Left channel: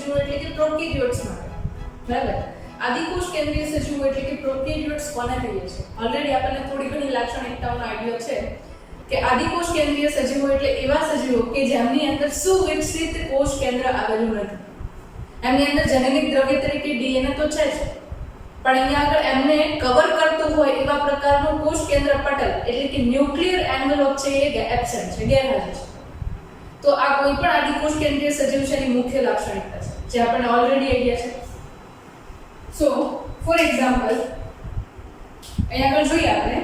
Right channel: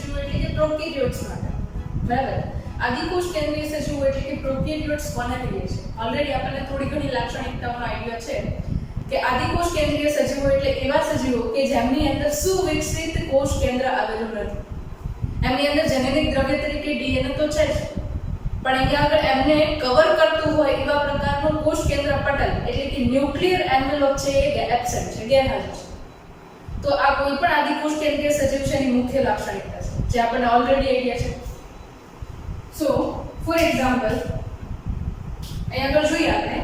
સજીવો એટલે કે પ્રોકેરિયોટ્સ માટે, બરાબર. આદિકોષ કેન્દ્રીય સજીવો એટલે કે પ્રોકેરિયોટ્સ કોને કહીએ છીએ? ઓલરેડી આપણને થોડી ઘણી લાક્ષણિકતાઓનો આઈડિયા છે કે આદિકોષ કેન્દ્રીય સજીવો એટલે એવા સજીવો કે જેમની અંદર સુવિકસિત કોષ કેન્દ્ર આવેલું નથી. એમની અંદર જેનેટિક દ્રવ્ય તરીકે ડીએનએ તો છે જ, પણ અહીંયા આગળ એમને કવર કરતું હોય એવા પ્રકારનું કોષ કેન્દ્ર પટલ એટલે કે ન્યુક્લિયર એન્વેલોપ છે એ એબ્સેન્ટ છે, ગેરહાજર છે. તો આ કોઈ પણ આદિકોષ કેન્દ્રીય સજીવ છે એની મુખ્ય લાક્ષણિકતા છે જે આપણને ઓલરેડી આઈડિયા છે. સો ફોર એક્ઝામ્પલ અહીંયા આગળ જોઈએ આપણે,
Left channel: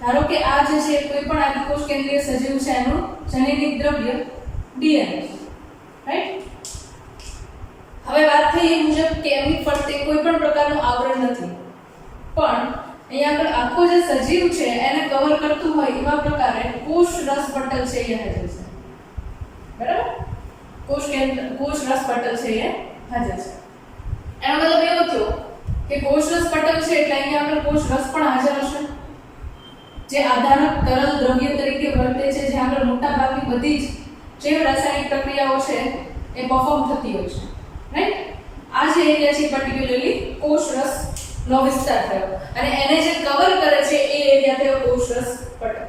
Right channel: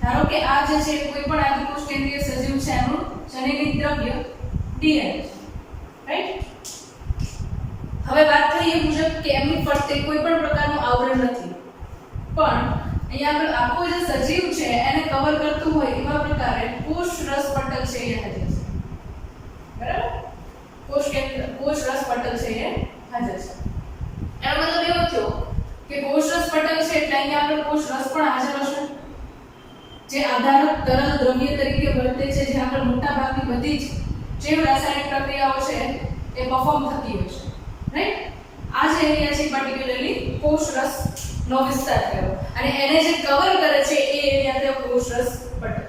ધારો કે આ જે છે કોઈ પણ આદિકોષ કેન્દ્રીય સજીવ છે એનું જેનેટિક દ્રવ્ય ડીએનએ છે, રાઈટ. હવે વાત થઈ એ મુજબ કે એમની ફરતે કોઈ પણ પ્રકારનું આવરણ નથી, પણ અહીંયા આગળ આખો જે સજીવ છે એને કવર કરતું હોય એવા પ્રકારે કોષ રસ પટલ છે એ હાજર છે, બરાબર. કોષ રસ પટલ છે એ હાજર છે. એનો મતલબ એવો થયો કે કોષ રસ પટલ છે એટલે અહીંયા આગળ કોષ રસ પણ હાજર હશે જે આધારક તરલ દ્રવ્ય તરીકે વર્તે છે, જ્યાં આગળ મોટા ભાગની બધી જ જૈવ રાસાયણિક પ્રક્રિયાઓ છે એ પરફોર્મ થતી હોય છે, રાઈટ. આ જે એરિયા છે પર્ટિક્યુલરલી કોષ રસ નો વિસ્તાર થયો અને એને જે કવર કરે છે એ એરિયા થયો કોષ રસ પટલ.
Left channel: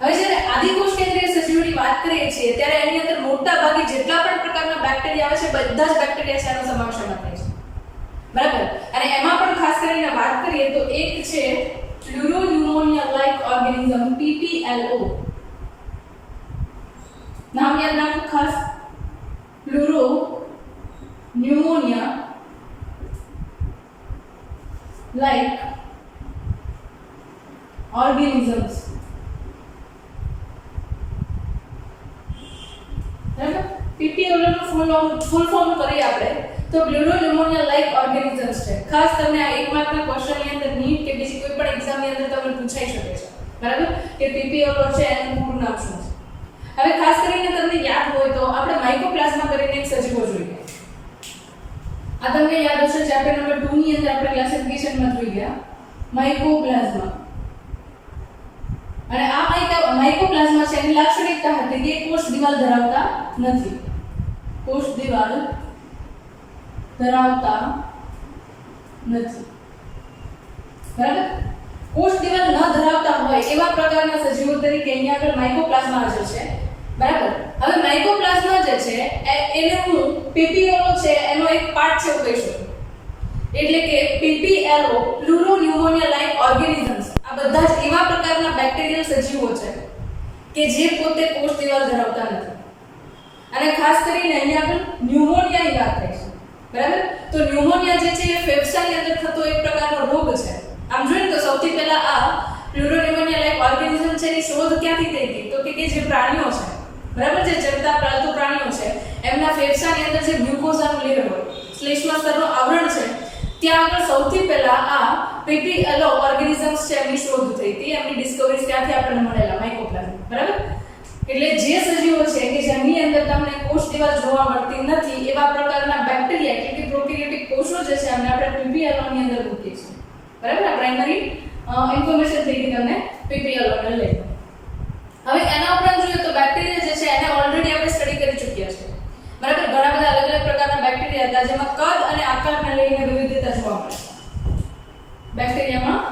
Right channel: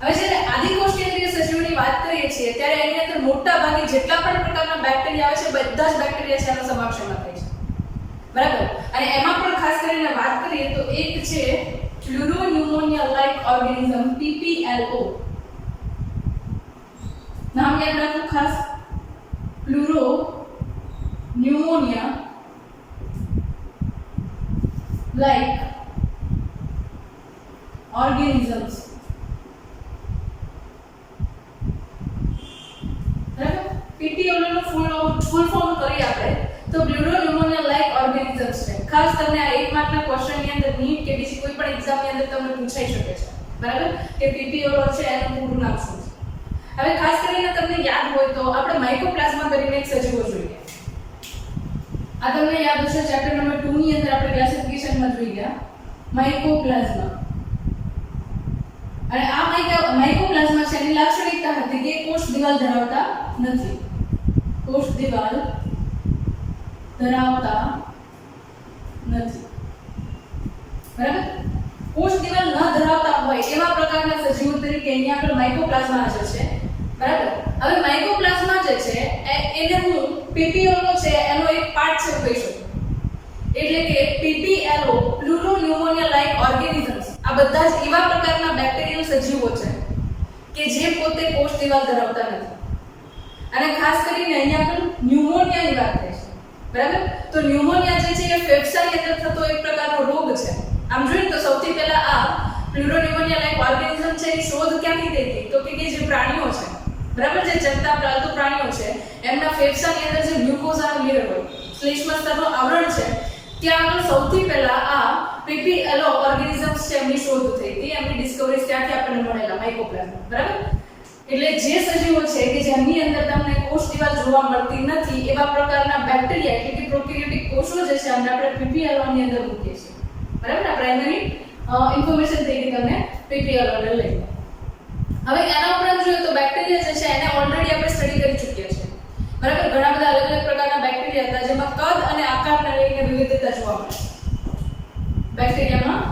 હવે જ્યારે આદિકોષ કેન્દ્રીય સજીવોની વાત કરીએ છીએ ત્યારે એની અંદર મોટા ભાગે જેટલા પણ પ્રકારના બેક્ટેરિયા આવે છે બધા જ બેક્ટેરિયા છે એનો સમાવેશ એમાં થાય છે, બરાબર. અને એમાં પણ ખાસ કરીને વાત કરીએ તો એક છે પ્લુરોન્યુમોનિયા લાઇક ઓર્ગેનિઝમ PPLO. નામ યાદ રાખો ખાસ, પ્લુરોન્યુમોનિયા લાઇક ઓર્ગેનિઝમ્સ, બરાબર. PPLO નો ફૂલ ફોર્મ કરીએ આપણે તો પ્લુરોન્યુમોનિયા લાઇક ઓર્ગેનિઝમ્સ છે. ખાસ તમને આ એક માર્કના ક્વેશ્ચનની અંદર નીટ કે બીજી કોઈ પણ એક્ઝામની અંદર તમને પૂછાઈ શકે છે, બરાબર, કે PPLO છે એનું પૂરું નામ શું છે. હવે ખાસ કરીને તમને યાદ હોય તો આપણે માઇકોપ્લાઝ્મા કરીને એક સજીવો જોઈએ. આ તમને યાદ હશે ચેપ્ટર નંબર 2 ની અંદર આપણે ક્લાસિફિકેશનમાં જોઈ ગયા માઇકોપ્લાઝ્મા. અને આ માઇકોપ્લાઝ્મા છે એની લાક્ષણિકતા હતી કે કોષ દિવાલ ધરાવતા નથી. કોષ દિવાલ ધરાવતા નથી, બરાબર. કોષ દિવાલ ન ધરાવતા હોય એવા પ્રકારના સજીવો તરીકે અહીંયા આગળ માઇકોપ્લાઝ્મા હાજર છે, બરાબર. હવે માઇકોપ્લાઝ્મા જે છે એને હું PPLO છે એનો એક પાર્ટ છે કહી શકું. એટલે કે PPLO પ્લુરોન્યુમોનિયા લાઇક ઓર્ગેનિઝમ્સ આ બધા જ એવા પ્રકારના બેક્ટેરિયલ સજીવો છે કે જે પોતે કોષ દિવાલ ધરાવતા નથી. અને ખાસ કરીને અહીંયા આગળ ન્યુમોનિયાની વાત થઈ છે, બરાબર. તો ન્યુમોનિયા જે છે એ ફેફસાની અંદર થતો એક પ્રકારનો રોગ છે. આમ જોઈએ તો સૌથી પહેલા આ પ્લુરોન્યુમોનિયા લાઇક ઓર્ગેનિઝમ છે એની શોધ ક્યાંથી થઈ હતી તો કે જે પ્રાણીઓ છે, બરાબર, જે ચરતા પાલતુ પ્રાણીઓ છે એમના ફેફસાની અંદર જે ગ્લુકોઝાનું લેયર હોય, શ્લેષ્મા સ્તરનું આવરણ છે, ત્યાં આગળ સૌથી પહેલા આ PPLO ઓર્ગેનિઝમ્સ છે એમની શોધ થઈ હતી. એમની ડિસ્કવરીઝ ત્યાંથી આપણને મળેલા માઇકોપ્લાઝ્મા, બરાબર. એટલે જે સજીવો છે કે જેમની અંદર તમને કોષ દિવાલ જોવા મળતી નથી એવા પ્રકારના બેક્ટેરિયા એટલે કે પ્રોકેરિયોટિક કોષો જે છે એમને આપણે PPLO ની અંદર મૂકીએ છીએ, બરાબર. આ પ્રાઇમરી ઇન્ફોર્મેશન થઈ ગઈ તમને PPLO ને લઈને. હવે એના ઉપરાંત જોઈએ તો બેક્ટેરિયા જે છે એને ઓલરેડી આપણે સ્ટડી કરી ચૂક્યા છે, બરાબર. ઘણા બધા અલગ અલગ પ્રકારના બેક્ટેરિયા હતા જેમાં કદ અને આકારને લઈને વિવિધતા જોવા મળે છે. બેક્ટેરિયામાં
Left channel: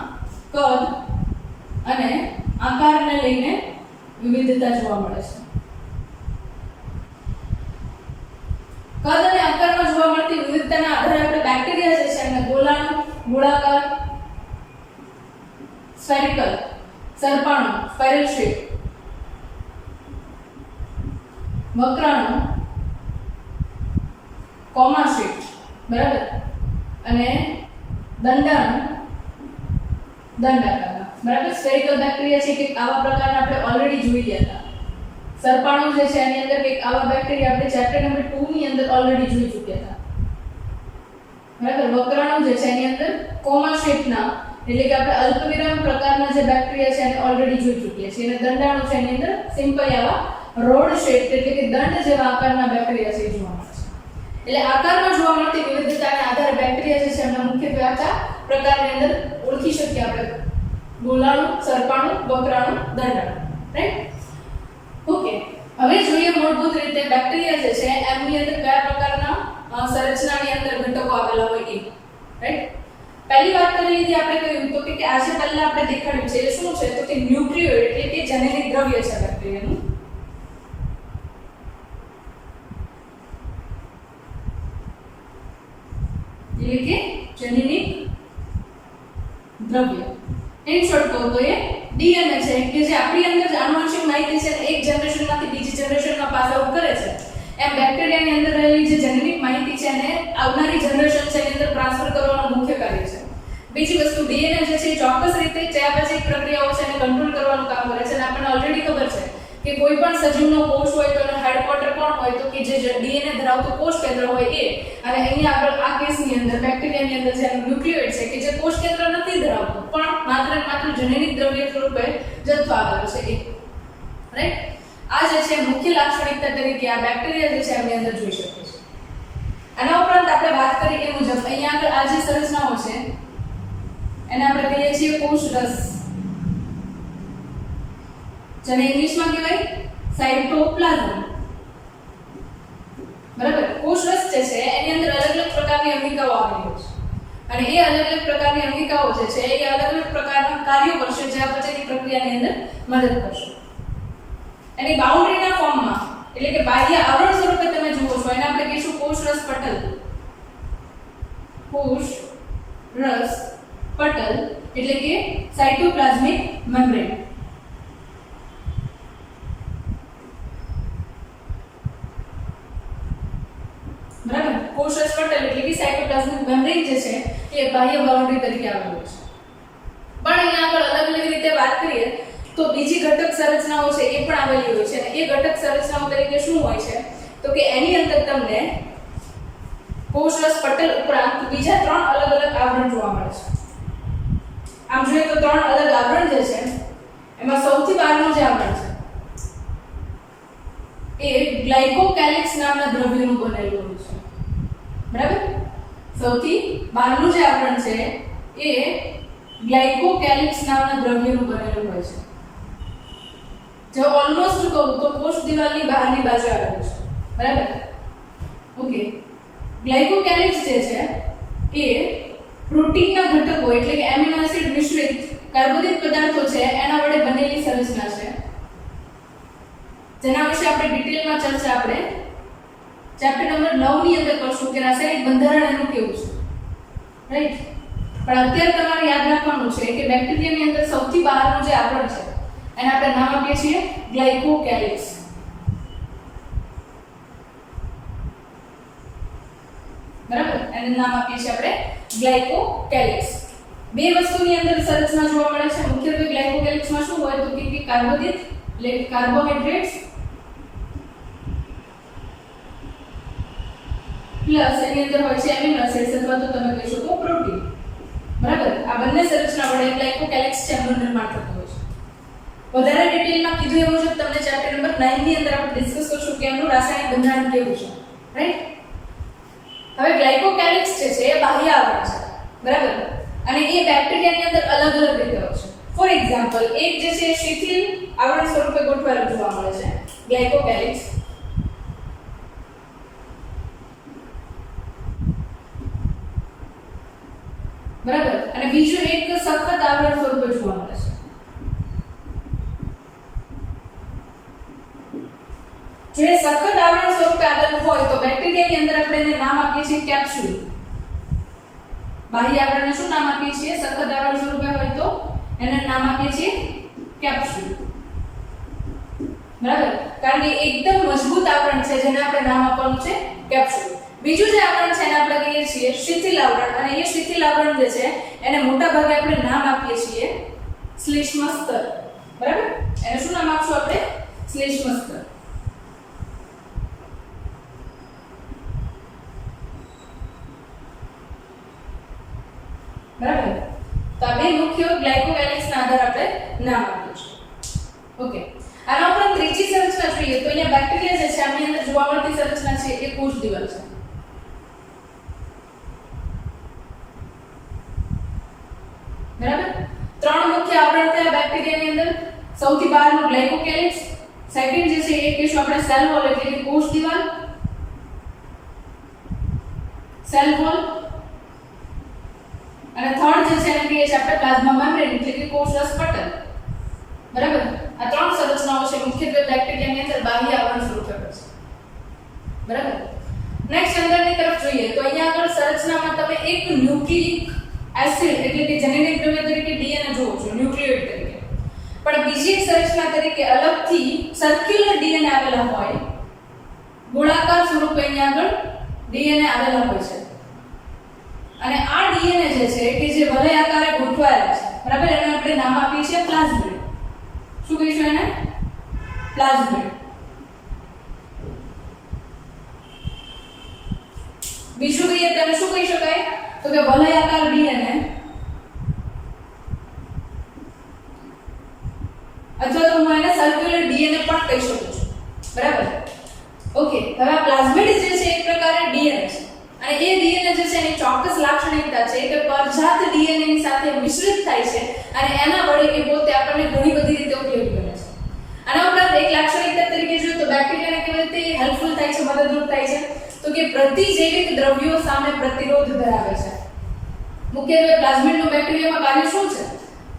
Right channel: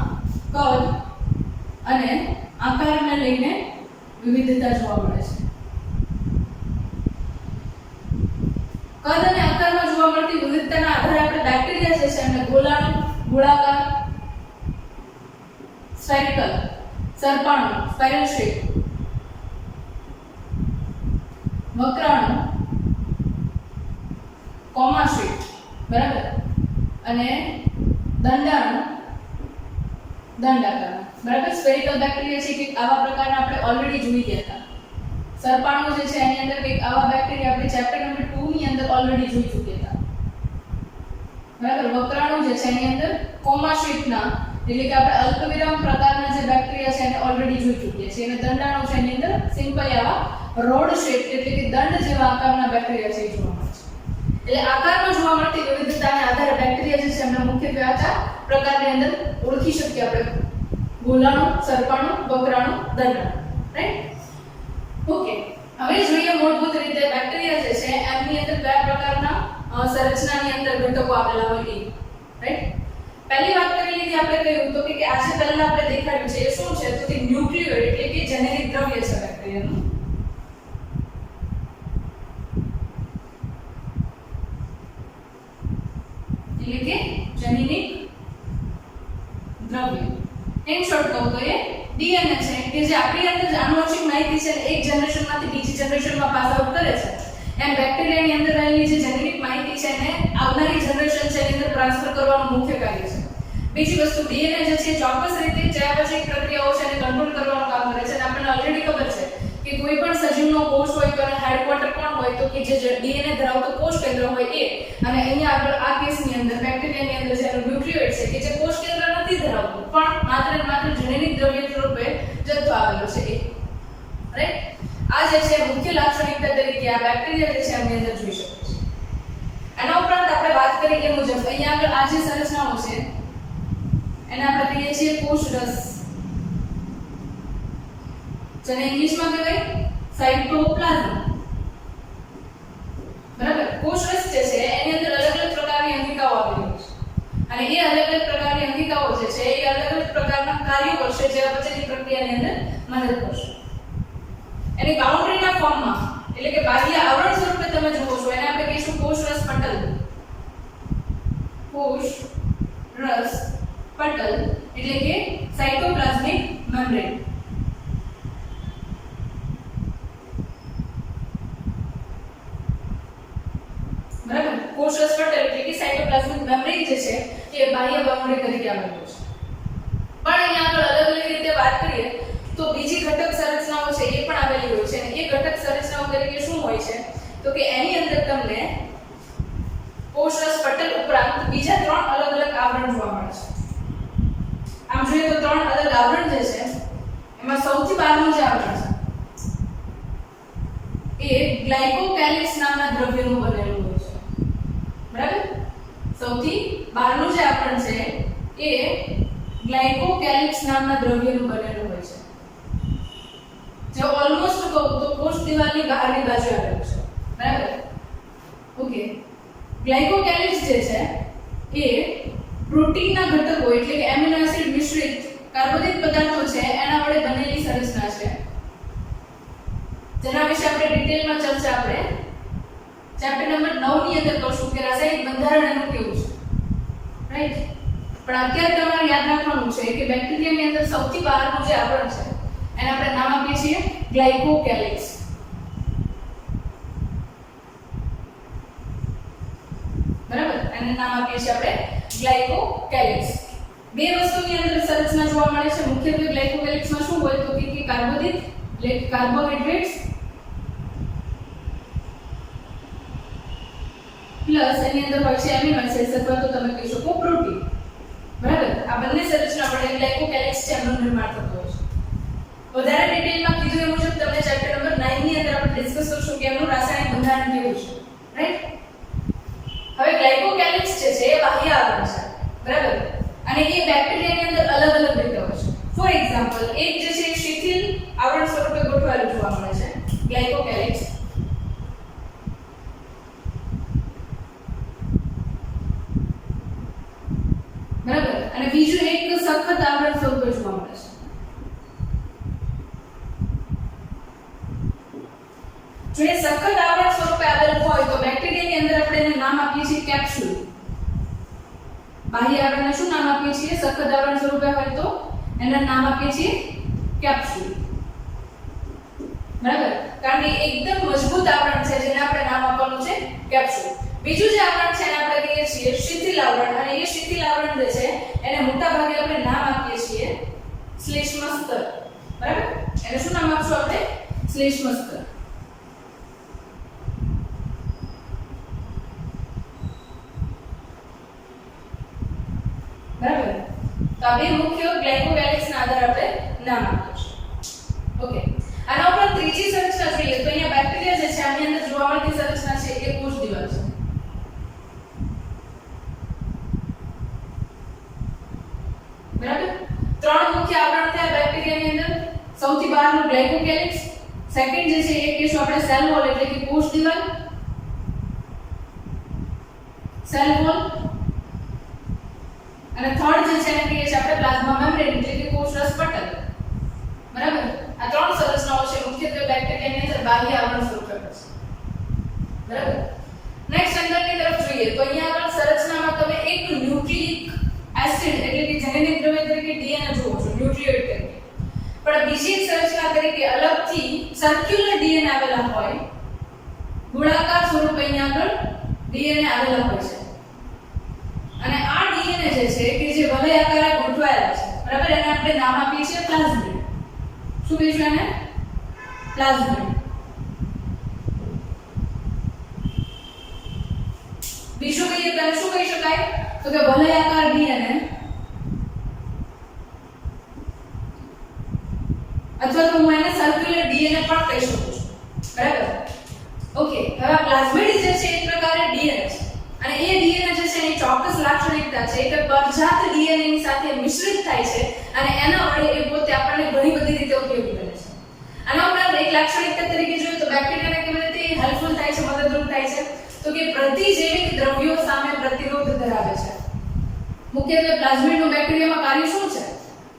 કદ અને આકારને લઈને વિવિધતા જોવા મળે છે. કદ અને આકારમાં જોવા મળતી વિવિધતાના આધારે આપણે બેક્ટેરિયા જે છે એમને ગોલાણુ, ગોળાકાર, સ્ફેરિકલ, સરપાણુ, સ્પાઇરલ શેપ, વક્રાણુ, કોમા શેપ, બરાબર, અને દંડાણુ, દંડાકાર, બરાબર. સ્ફેરિકલ બેક્ટેરિયા છે કે આવા પ્રકારના આપણે ઓલરેડી જોઈ ગયા હતા. સરપાણુ જે છે એની અંદર કંઈક આવા બેક્ટેરિયા આપણે ચેપ્ટર નંબર 2 ની અંદર ઓલરેડી જોઈ ચૂક્યા હતા, બરાબર. વક્રાણુ જે છે એની અંદર કોમા શેપના એટલે કે આપણે અલ્પવિરામ પ્રકારના જે બેક્ટેરિયા છે એને ઓલરેડી જોઈ ચૂક્યા છીએ. અને દંડાણુ છે એની અંદર સિમ્પલ આવા રોડ શેપ એટલે કે દંડ જેવા આકારના બેક્ટેરિયા છે જોવા મળે છે. એટલે આકારમાં જોવા મળતી વિવિધતાને આધારે બેક્ટેરિયા જે છે એમના મુખ્યત્વે આ ચાર પ્રકારની અંદર ઓળખી શકીએ આપણે: ગોલાણુ, સરપાણુ, વક્રાણુ, દંડાણુ, રાઈટ? ઓકે, હવે જોઈએ મૂળભૂત રીતે બેક્ટેરિયા જે છે એમની અંદર કયા પ્રકારના સંરચનાની અંદર ઘટકો આવેલા હોય એ, રાઈટ? પહેલી વાત કરી લીધી આપણે કહ્યું તો કે આજે પહેલા આપણે દેખાડ્યું છે એ શું છે તો કે ન્યુક્લિયોઇડ એટલે કે જનૈનિક દ્રવ્ય છે બેક્ટેરિયાનું. એટલે કે જનૈનિક દ્રવ્ય. ઇન શોર્ટ કહું તો એ ડીએનએ છે કે જે આપણી અંદર જે આનુવંશિક માહિતી છે એક જનરેશનમાંથી બીજી જનરેશનમાં પાસ આઉટ કરે છે, એમ બેક્ટેરિયાની અંદર રહેલી જે જેનેટિક માહિતી છે એને આવનારી જનરેશન છે એની અંદર ટ્રાન્સફર કરવાનું મુખ્ય કાર્ય છે. બીજી વસ્તુ ડીએનએ જે છે ચોક્કસ રીતે ચયાપચયિક પ્રક્રિયાઓ છે એને કંટ્રોલ કરવાનું કામ કરે છે અને આપણને ઓલરેડી ખબર છે કે કોઈ પણ સજીવનો કોષ હોય તો એનો હેડક્વાર્ટર કોણ હોય તો કે જે ડીએનએ ધરાવતું કોષ કેન્દ્ર હોય એ, અને અહીંયા આગળ આ કેસની અંદર બેક્ટેરિયાની અંદર જે ન્યુક્લિયોઇડ છે કે જે કોષ કેન્દ્ર નથી ધરાવતું પણ માત્ર ને માત્ર જનૈનિક દ્રવ્ય સ્વરૂપે જથ્થો આવેલો છે એ, રાઈટ? આ જે છે મુખ્ય લાક્ષણિકતા તરીકે આ બેક્ટેરિયા જે છે એની અંદર જોઈ શકીએ છીએ. આના ઉપરાંત આપણે વાત કરી એ મુજબ અહીંયા આગળ આ જે સંરચનાઓ છે એને આપણે કહીએ છીએ કોષરસ, જેને ઇંગ્લિશમાં કહેવાય સાઇટોપ્લાઝમ. બરાબર? કોષરસ જે છે એની અંદર અલગ અલગ પ્રકારની અંગિકાઓ આવેલી હોય છે અને એ અલગ અલગ પ્રકારની અંગિકાઓ જે છે એ અલગ અલગ પ્રકારના કાર્યો કરશે જે ચયાપચયની પ્રક્રિયાની અંદર મદદ કરશે. એની બાઉન્ડરીના ફોર્મમાં એટલે કે બાહ્ય આવરણ સ્વરૂપે તમે જુઓ છો એને આપણે કહીશું કોષરસ પટલ. કોષરસ પટલ એટલે કે સાઇટોપ્લાઝમિક મેમ્બ્રેન. બરાબર? કોષરસ પટલ એટલે કે સાઇટોપ્લાઝમિક મેમ્બ્રેન જે છે એ બાહ્ય બાઉન્ડરી તરીકે આવેલું છે. પણ અહીંયા આગળ અલગ અલગ રીતે વાત કરીએ તો બીજી ઘટક સંરચનાઓ છે એ પણ આવેલી હોય છે અને એ ઘટક સંરચનાઓ તરીકે શું હોય છે તો કે એની અંદર તમને કોષરસ પટલ ઉપરાંત બીજા 3 અલગ અલગ આવરણ જોવા મળે છે. આમ જોઈએ તો 3 અલગ આવરણ જે છે એમાં સૌથી બહારનું જે આવરણ છે એ ગ્લાયકોકેલિક્સ નામના દ્રવ્યનું બનેલું હોય છે. બરાબર? સૌથી બહારનું જે આવરણ છે એ ગ્લાયકોકેલિક્સ નામના દ્રવ્યનું બનેલું હોય છે, જે ઓલમોસ્ટ કહું તો કોષ દિવાલની બહારની બાજુ આવેલું છે. બરાબર? ઓકે. ગ્લાયકોકેલિક્સ જે છે એ પ્રોટીનના ઘટકો એટલે કે એમિનો એસિડ મિશ્રિત કાર્બોદિત પદાર્થો છે એના વડે બનેલી સંરચના છે, જેના વિશે આપણે ડિટેલમાં ચર્ચા આપણે ચેપ્ટર નંબર 9 ની અંદર કરશું કે રાસાયણિક બંધારણ એનું કેવું છે, રાઈટ? પણ અત્યારે તમારે યાદ રાખવાનું છે કે બેક્ટેરિયાની અંદર સૌથી બહારનું જે આવરણ છે એને આપણે નામ આપીએ છીએ ગ્લાયકોકેલિક્સ. બરાબર? એને નામ આપીએ છીએ આપણે ગ્લાયકોકેલિક્સ. બે વસ્તુની અંદર સંરચના જોવા મળે છે. મુખ્યત્વે ગ્લાયકોકેલિક્સમાં શું હોય તો કે કાર્બોદિત એટલે કાર્બોહાઈડ્રેટ્સ પ્લસ એની અંદર હોય છે એમિનો એસિડ્સ અથવા તો તમે કહી શકો પ્રોટીન. બરાબર? આ બંને સંરચના વડે ગ્લાયકોકેલિક્સ છે એનું નિર્માણ થતું હોય છે. વધારે ડિટેલમાં કીધું એ મુજબ તમને ચેપ્ટર નંબર 9 ની અંદર આપણે ડિસ્કસ કરશું કે એનું રાસાયણિક બંધારણ કેવું છે, રાઈટ? હવે ગ્લાયકોકેલિક્સ જે છે એ બાહ્ય આવરણ છે. બરાબર? અને એ બેક્ટેરિયાની અંદર અલગ અલગ રીતે હોય છે. ફોર એક્ઝામ્પલ એક જે છે શિથિલ આવરણ સ્વરૂપે ગોઠવાયેલું જોવા મળે છે ગ્લાયકોકેલિક્સ. બરાબર? અને બીજું એક સખત આવરણ સ્વરૂપે જોવા મળે છે. જે સખત આવરણ સ્વરૂપે આવેલું હોય તો બેક્ટેરિયાની અંદર આપણે એને નામ આપીએ છીએ કેપ્સ્યુલ. બાહ્ય આવરણને શું નામ આપીએ છીએ? સખત આવરણ સ્વરૂપે હોય તો એને નામ આપીએ છીએ કેપ્સ્યુલ. બરાબર? કારણ કે એકદમ મજબૂત આવરણ છે જેને આપણે નામ આપવાનું છે કેપ્સ્યુલ. બીજું જે આવરણ છે એને આપણે કહીએ છીએ શિથિલ આવરણ, અને એ શિથિલ આવરણ જે છે એને મોટા ભાગે આપણે નામ આપીએ છીએ શ્લેષ્મ સ્તર. બરાબર? એને શું નામ આપશું આપણે? શ્લેષ્મ સ્તર. બરાબર? તો આ બે મુખ્ય ગ્લાયકોકેલિક્સના આધારે આપણે નામ આપ્યું છે. ઓકે. આના ઉપરાંત ત્રીજી સંરચના જોઈએ તો અહીંયા બેક્ટેરિયા જે છે આની અંદર જોવા મળતી સંરચના છે એ કોષ દિવાલ છે. બરાબર? 3 મુખ્ય આવરણ થયા બેક્ટેરિયાની અંદર. સૌથી બહારનું ગ્લાયકોકેલિક્સ, સેકન્ડ જે છે એ કહીશું આપણે સેલ વોલ એટલે કે કોષ દિવાલ, સેલ વોલ, અને થર્ડ જે છે એને કહીએ છીએ આપણે પ્લાઝ્મા મેમ્બ્રેન એટલે કે કોષરસ પટલ. બરાબર, આ ત્રણ સંરચનાઓ છે મુખ્યત્વે બેક્ટેરિયાની અંદર બાહ્ય આવરણ સ્વરૂપે છે. બરાબર, નેક્સ્ટ અંદરની તરફ જોઈએ તો અહીંયા આગળ સંરચનામાં તમે એક ન્યુક્લિક એસિડ એટલે કે જનનિક દ્રવ્ય તરીકે ડીએનએ જુઓ છો, ન્યુક્લિયોઇડ તરીકે. પણ બીજી એક સંરચના તરીકે અલગથી સર્ક્યુલર ડીએનએ આવેલા હોય, ગોળાકાર સ્વરૂપે અહીંયા આગળ ડીએનએ આવેલા હોય છે. અને આ ડીએનએ જે છે કે જે વલય આકારે ગોઠવાયેલા છે, બરાબર, એને આપણે નામ આપીએ છીએ પ્લાઝમિડ. શું કહીશું એને? પ્લાઝમિડ. બીજું કહીએ તો શું કહી શકાય? તો કે વલયાકાર ડીએનએ અથવા તો હું એને સર્ક્યુલર ડીએનએ પણ કહી શકું છું. બરાબર, ઓકે. હવે આ પ્લાઝમિડ જે છે એક પ્રકારે ડીએનએ છે, અને એ ડીએનએ જે છે એની ચોક્કસ લાક્ષણિકતા છે કે પરજાત ડીએનએ ની સાથે મિશ્રિત થાય છે અને એના વડે એ પોતે આપણને ઘણી બધી રીતે ઉપયોગી બને છે. આના ઉપરાંત એક લાક્ષણિકતા તરીકે જોઈએ તો બેક્ટેરિયાને કેવી રીતે હેલ્પફુલ થાય છે, મદદરૂપ થાય છે? તો કે પ્રતિજૈવિક દ્રવ્યો સામે પ્રતિરોધ ધરાવે છે. મુખ્યત્વે પ્લાઝમિડનું બેક્ટેરિયામાં કાર્ય શું છે?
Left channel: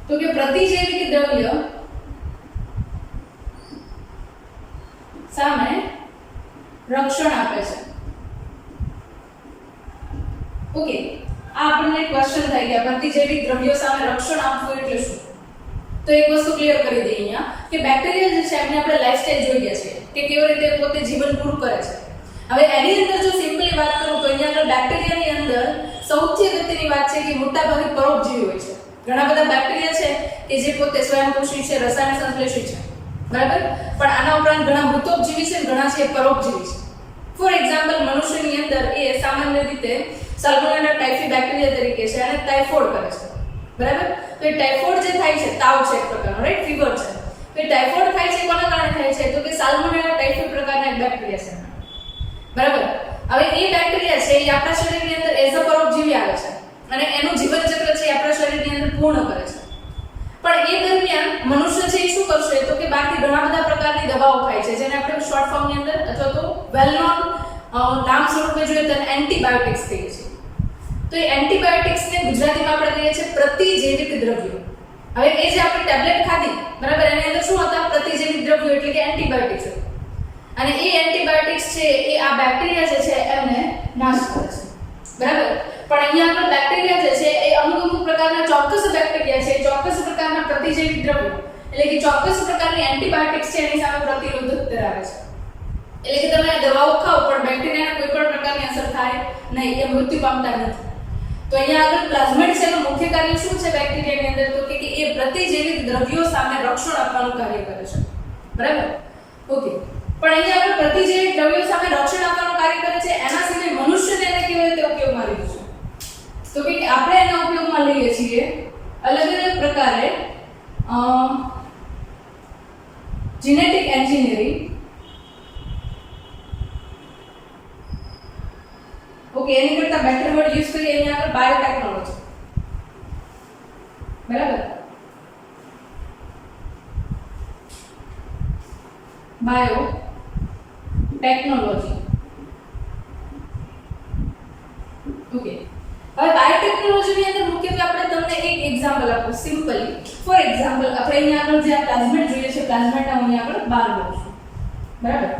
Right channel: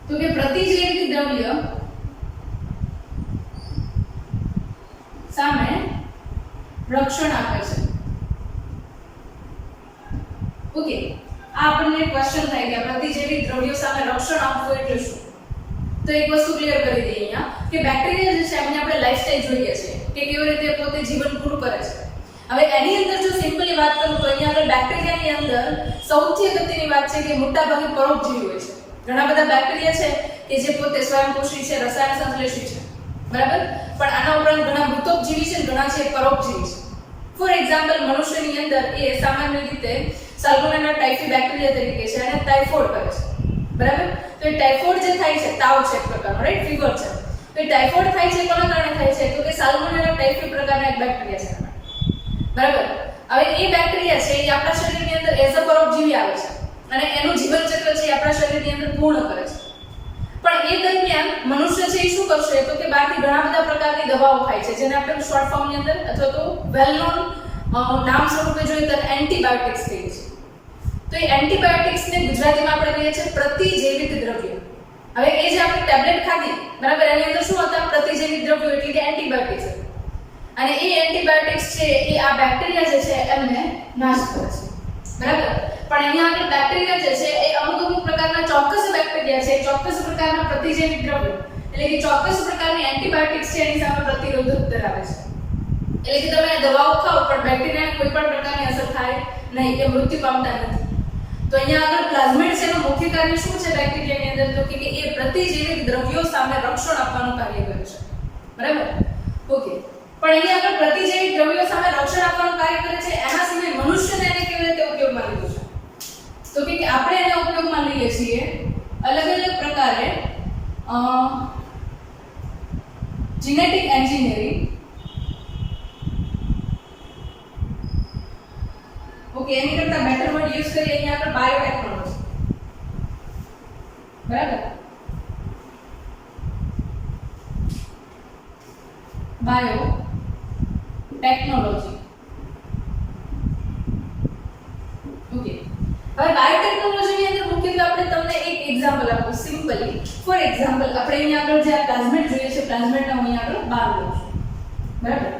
તો કે પ્રતિજૈવિક દ્રવ્ય સામે રક્ષણ આપે છે. ઓકે, આ આપણને ક્વેશ્ચન થાય કે પ્રતિજૈવિક દ્રવ્યો સામે રક્ષણ આપવું એટલે શું? તો એક વસ્તુ ક્લિયર કરી દઈએ અહીંયા કે બેક્ટેરિયા જે છે એમને આપણે લાઈફસ્ટાઈલ જોઈ ગયા છે કે કેવી રીતે પોતે જીવન પૂરું કરે છે. હવે એની અંદર જો સિમ્પલી વાત કરું તો અહીંયા આગળ બેક્ટેરિયાની અંદર સૌથી અગત્યની વાત છે કે મોટાભાગે પરોપજીવી હોય છે. ઘણા બધા બેક્ટેરિયા છે કે જે પોતે સ્વયંપોષી છે, રસાયણ સંશ્લેષી છે. બરાબર, પણ આના ઉપરાંત ઘણા મૃતોપજીવી છે, ઘણા છે પરોપજીવી છે. ફોર એક્ઝામ્પલ, મનુષ્યની અંદર એ સામાન્ય રીતે સાલ્મોનેલા ટાઇફી બેક્ટેરિયા તરીકે છે અને ટાઇફોઇડ કરે છે. બરાબર, તો એ ટાઇફોઇડ જે થાય છે, તાવ છે એક પ્રકારનો, રાઈટ, ફીવર છે. તો એ ટાઇફોઇડ થાય છે કોના કારણે થાય છે? તો કે સાલ્મોનેલા ટાઇફી પ્રકારના એક બેક્ટેરિયા છે. બરાબર, હવે એ બેક્ટેરિયા છે એ આપણા શરીરની અંદર એઝ અ પરોપજીવી આવે છે અને એનું જીવન ચક્ર છે એ આપણા શરીરની અંદર પૂર્ણ કરે છે. પણ એ દરમિયાન મનુષ્ય છે એ શું કરશે? તો કે બહારથી ઘણા બધા પ્રકારની દવાઓ ખાય છે, જેને આપણે શોર્ટ ફોર્મની અંદર અથવા તો વેલ નોન નામ સ્વરૂપે જોઈએ તો એન્ટીબાયોટિક્સ કહીએ છીએ. તો એ એન્ટીબાયોટિક્સને ગુજરાતીમાં આપણે કહીએ છીએ પ્રતિજૈવિક દ્રવ્યો. હવે એ જે આપણે ટેબ્લેટ ખાધી, બરાબર, એની અંદર શું હતા? પ્રતિજૈવિક દ્રવ્યો એટલે કે એન્ટીબાયોટિક્સ. અને એ એન્ટીબાયોટિક્સ છે એ આ બેક્ટેરિયા જે છે એમને નાશ કરે છે. બરાબર, પણ અહીંયા આગળ બેક્ટેરિયા જે છે એ અમુક પ્રકારના ચોક્કસ બેક્ટેરિયા છે, ચોક્કસ પ્રકારના પ્રતિજૈવિક દ્રવ્યો એટલે કે ચોક્કસ પ્રકારની એન્ટીબાયોટિક્સ છે એની સામે પ્રતિરોધક ધરાવે છે. એટલે કે તમે દવાઓ ખાઓ પણ બેક્ટેરિયાને કોઈ પણ પ્રકારની અસર થાય નહીં, એ મૃત્યુ પામતા નથી. તો અહીંયા આગળ પ્લાઝમિડ છે એનું મુખ્ય કાર્ય શું છે બેક્ટેરિયાની અંદર? તો કે એ પ્રતિજૈવિક દ્રવ્યો સામે રક્ષણ આપવાનું કાર્ય કરે છે. બરાબર, ઓકે. પણ અહીંયા આગળ પ્રતિજૈવિક દ્રવ્યો સામે રક્ષણ આપવાનું કાર્ય કરે છે, એના સિવાય મનુષ્યને એને કેવી રીતે ઉપયોગમાં લીધું છે? તો કે આપણે એને ઉપયોગમાં લઈએ છીએ અલગ અલગ પ્રકારે જીનેટિક એન્જિનિયરિંગ. ઓકે, એની કરતા બેટર વર્ડ યુઝ કરીએ અહીંયા આગળ બાયોટેકનોલોજી. બરાબર, બાયો ટેકનોલોજી. ઓકે, હવે બાયોટેકનોલોજીની અંદર મુખ્યત્વે આપણે તમને એક એક્ઝામ્પલ આપું સિમ્પલી. ફોર એક્ઝામ્પલ, આપણે અહીંયા આગળ જે આ પ્લાઝમિડ જોઈએ છે, પ્લાઝમિડના હું અહીંયા આગળ 12 લઉં છું. બરાબર,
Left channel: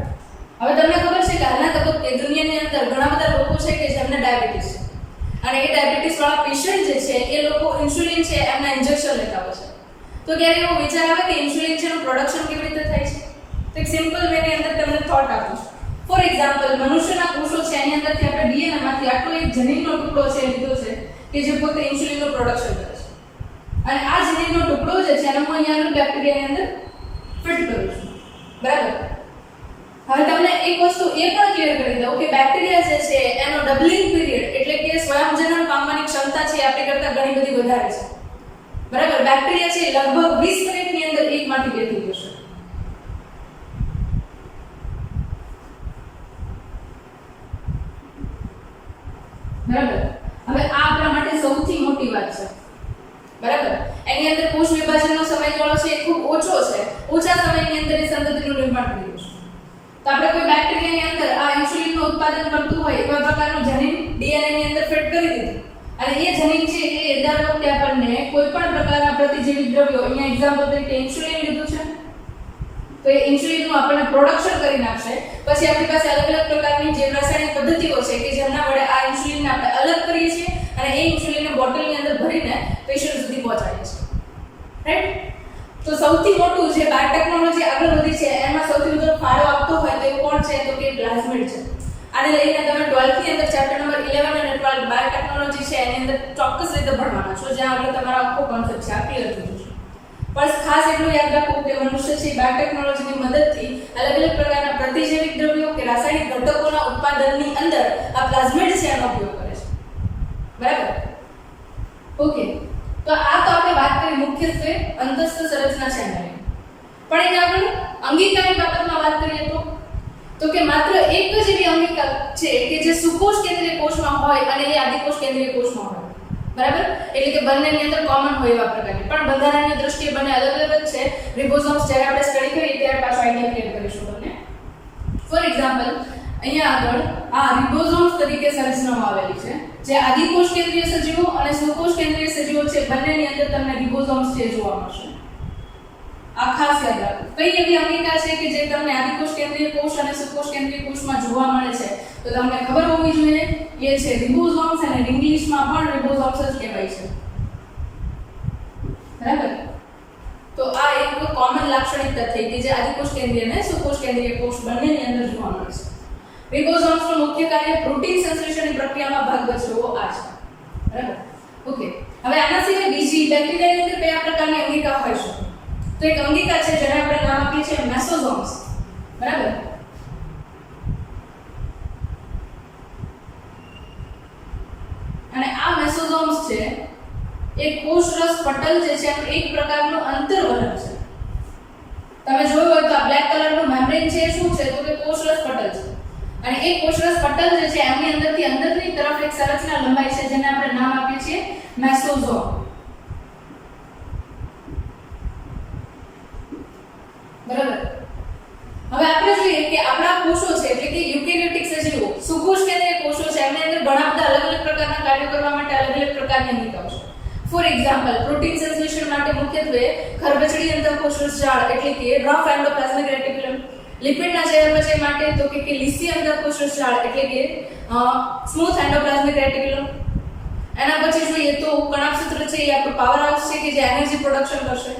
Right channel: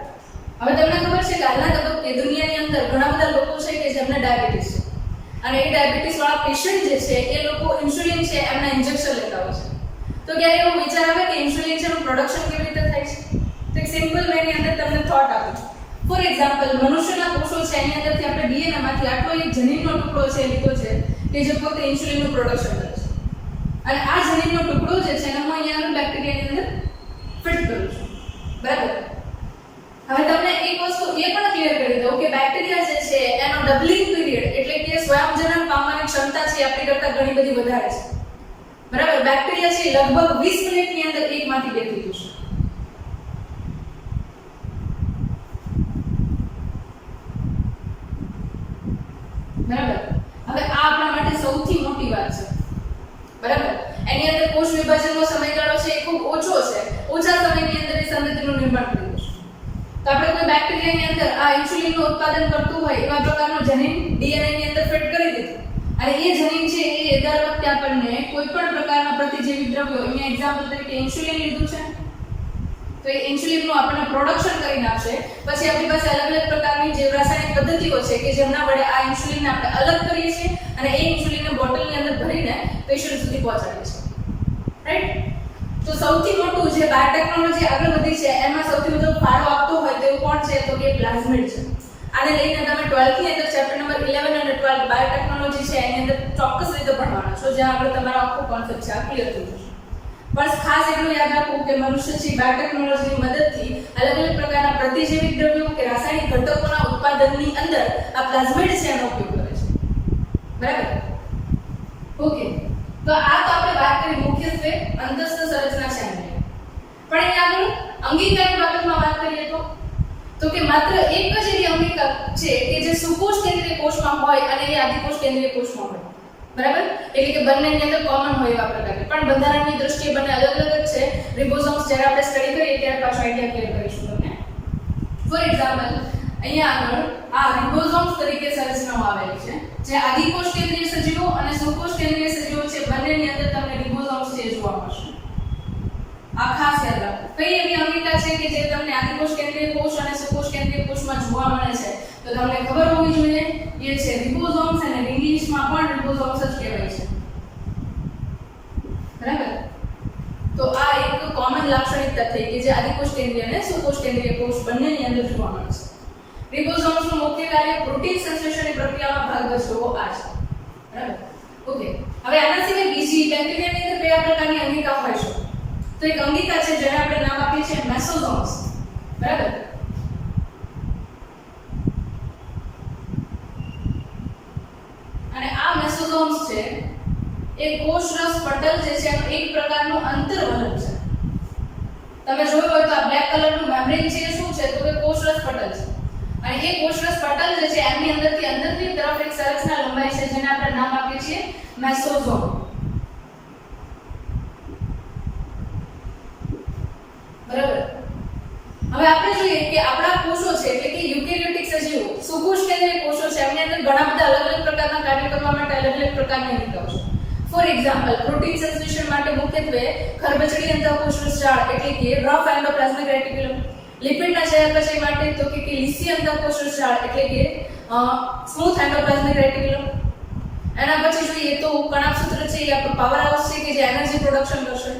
હવે તમને ખબર છે કે હાલના તબક્કે દુનિયાની અંદર ઘણા બધા લોકો છે કે જેમને ડાયાબિટીસ છે અને એ ડાયાબિટીસ વાળા પેશન્ટ જે છે એ લોકો ઇન્સ્યુલિન છે એમના ઇન્જેક્શન લેતા હોય છે. તો ક્યારે એવો વિચાર આવે કે ઇન્સ્યુલિન છે એનું પ્રોડક્શન કેવી રીતે થાય છે? તો એક સિમ્પલ વેની અંદર તમને થોટ આપું છું. ફોર એક્ઝામ્પલ, મનુષ્યના કોષો છે એની અંદરથી આપણે ડીએનએ માંથી આટલો એક જનીનનો ટુકડો છે એ લીધો છે કે જે પોતે ઇન્સ્યુલિનનું પ્રોડક્શન કરે છે. અને આ જનીનનો ટુકડો જે છે એને હું અહીંયા આગળ બેક્ટેરિયાની અંદર ફિટ કરું છું. બરાબર, હવે તમને એક વસ્તુ એ પણ ક્લિયર કરી દઉં કે બેક્ટેરિયા જે છે એનો ડબલિંગ પીરિયડ એટલે કે સ્વયંજનન પામવાની ક્ષમતા છે આપણી કરતા ઘણી બધી વધારે છે. બરાબર, બેક્ટેરિયા છે લગભગ 20 મિનિટની અંદર એકમાંથી બે થઈ જશે. બરાબર, હવે આ આપણા માટે સૌથી મોટી વાત છે. બરાબર, એની અંદર કોષ વિભાજનનો સમયગાળો છે એ ખૂબ ઓછો છે. ઓછા સમયની અંદર એ સંતતિનું નિર્માણ કરી દેશે. તો આપણે કોઈ બેક્ટેરિયાની અંદર આ ઇન્સ્યુલિનનું ઉત્પાદન કરતું હોય એવા પ્રકારનું જનીન ડીએનએ ની અંદર ફિટ કરી દીધું અને એ જનીન છે એ દર વખતે આપણને કોઈ પણ પ્રકારના પ્રતિજીવી દ્રવ્યો, અહીંયા એક્ઝામ્પલ તરીકે ઇન્સ્યુલિન લીધું છે તો એ ઇન્સ્યુલિનનું આપણને પ્રોડક્શન કરીને આપશે. પછી આપણી પાસે અલગ અલગ પ્રકારની જે રાસાયણિક પદ્ધતિઓ છે કે જેમના વડે આ ઇન્સ્યુલિનને આપણે અલગ કરીએ છીએ અને એ ઇન્સ્યુલિનને બોટલની અંદર ભરીને પેશન્ટ સુધી પહોંચાડીએ છીએ. રાઈટ? તો સૌથી મોટું જે બાયોટેકનોલોજી આગળ વધી છે એમાં સૌથી વધુ ફાળો આપતો હોય તો કોણ છે તો કે પ્લાઝમિડ છે. આને લઈને તમે 12th ની અંદર ચેપ્ટર નંબર 11 અને 12 બાયોટેકનોલોજી છે એની અંદર ચોક્કસ રીતે ભણવાના છો, જ્યાં આગળ તમારો આખો કોન્સેપ્ટ છે આ ક્લિયર થઈ જશે. બસ ખાસ એટલું યાદ રાખવું કે મનુષ્ય છે બાયોટેકનોલોજીની મદદથી અલગ અલગ પ્રકારના પ્રતિજૈવિક દ્રવ્યો કે રાસાયણિક ઘટકોના ઉત્પાદનની અંદર આ પ્લાઝમિડ છે એનો ઉપયોગ કરે છે. બરાબર? ઓકે, તો આ તો આપણે વાત કરી મુખ્યત્વે અંતસ્થ સંરચના છે એની. પણ અહીંયા આગળ અંગિકાની બાબતમાં વાત કરીએ તો કે માત્ર એક જ એવી અંગિકા છે કે જે સુકોષ કેન્દ્રીય કોષમાં હોય અને એ આદિકોષ કેન્દ્રીય કોષમાં હોય. બરાબર? એટલે કે બંનેની અંદર કોમન હોય એવા પ્રકારની, પણ બંધારણની દ્રષ્ટિએ બંને અલગ અલગ જ છે. રિબોસોમ્સ જ્યારે આપણે સ્ટડી કરીએ ત્યારે પાછો આઈડિયા ક્લિયર કરીશું તમને. ફોર એક્ઝામ્પલ અહીંયા આગળ આ રિબોસોમ્સ તરીકે સંરચનામાં આવેલી છે, જે આદિકોષ કેન્દ્રીય સજીવો અને સુકોષ કેન્દ્રીય સજીવો છે બંનેની અંદર તમને રિબોસોમ્સ છે જોવા મળશે. આ ખાસ યાદ રાખો. કઈ એવી અંગિકા છે કે જે તમને આદિકોષ કેન્દ્રીય કોષ અને સુકોષ કેન્દ્રીય કોષમાં જોવા મળે છે તો તમને ખબર હોવી જોઈએ એ છે રિબોસોમ્સ, અને ઇંગ્લિશમાં પણ રિબોસોમ્સ જ કહેવાય છે. બરાબર? તો આ એક કોમન લાક્ષણિકતા થઈ કે જે આદિકોષ કેન્દ્રીય અને સુકોષ કેન્દ્રીય કોષ બંનેની અંદર જોવા મળે છે. રિબોસોમ્સનું મુખ્ય કાર્ય પ્રોટીન સંશ્લેષણની પ્રક્રિયામાં ભાગ ભજવવો આ છે. બરાબર? ઓકે, હવે આના સિવાય બીજી બેક્ટેરિયાની અંદર કયા પ્રકારની અંગિકા હોય છે? તો એક અંગિકા છે જેને આપણે નામ આપીએ છીએ મેસોસોમ્સ. બરાબર? અને આ મેસોસોમ્સ છે એ કોષરસ પટલ જે છે એનું એક પ્રકારનું અંતર્વલય છે. તમે જોયું હોય તો આ બ્લેક કલરનું મેમ્બ્રેન છે શું છે તો કે કોષરસ પટલ છે. અને એ કોષરસ પટલ જે છે એની અંદરથી અંદરની તરફ એક સંરચના લંબાય છે જેને આપણે નામ આપીએ છીએ મેસોસોમ. બરાબર? હવે આપણે જોઈએ કે આપણા કોષો છે એટલે કે યુકેરિયોટિક સજીવો, સુકોષ કેન્દ્રીય કોષો છે એમની અંદર ઘણા બધા અલગ અલગ પ્રકારના કાર્યો કરવા માટે અલગ અલગ પ્રકારની અંગિકાઓ છે. ફોર એક્ઝામ્પલ પ્રોટીન સંશ્લેષણ માટે મુખ્યત્વે ખરબચડી અંતઃકોષરસ જાળ એટલે કે રફ એન્ડોપ્લાઝમિક રેટિક્યુલમ, લિપિડના ચયાપચય માટે તો કે લીસી અંતઃકોષરસ જાળ એટલે કે સ્મૂથ એન્ડોપ્લાઝમિક રેટિક્યુલમ. એના પછી જોઈએ તો કણાભસૂત્ર છે એ આપણું પાવર હાઉસ છે કે જે એનર્જી પ્રોડક્શન કરશે.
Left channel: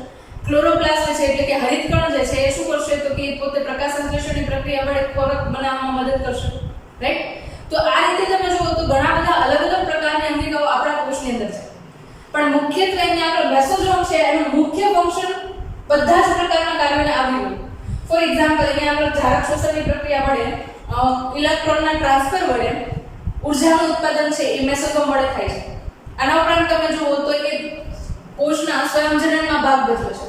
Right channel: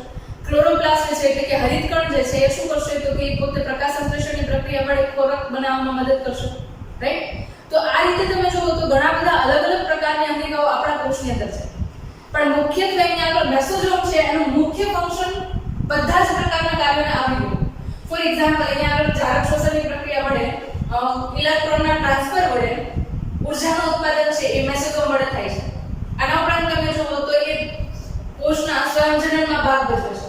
ક્લોરોપ્લાસ્ટ છે એટલે કે હરિતકણ જે છે એ શું કરશે તો કે પોતે પ્રકાશ સંશ્લેષણની પ્રક્રિયા વડે ખોરાક બનાવવામાં મદદ કરશે. રાઈટ? તો આ રીતે તમે જુઓ તો ઘણા બધા અલગ અલગ પ્રકારની અંગિકાઓ આપણા કોષની અંદર છે. પણ મુખ્યત્વે અહીંયા આગળ મેસોસોમ છે એનું મુખ્ય ફંક્શન બધા જ પ્રકારના કાર્યોને આવરી લે. ફોર એક્ઝામ્પલ અહીંયા આગળ ઝારક શોષણની પ્રક્રિયા વડે ઇલેક્ટ્રોનના ટ્રાન્સફર વડે ઊર્જાનું ઉત્પાદન છે એ મેસોસોમ વડે થાય છે. આના ઉપરાંત તમે જુઓ તો એ કોષના સ્વયંજનનમાં ભાગ ભજવે છે.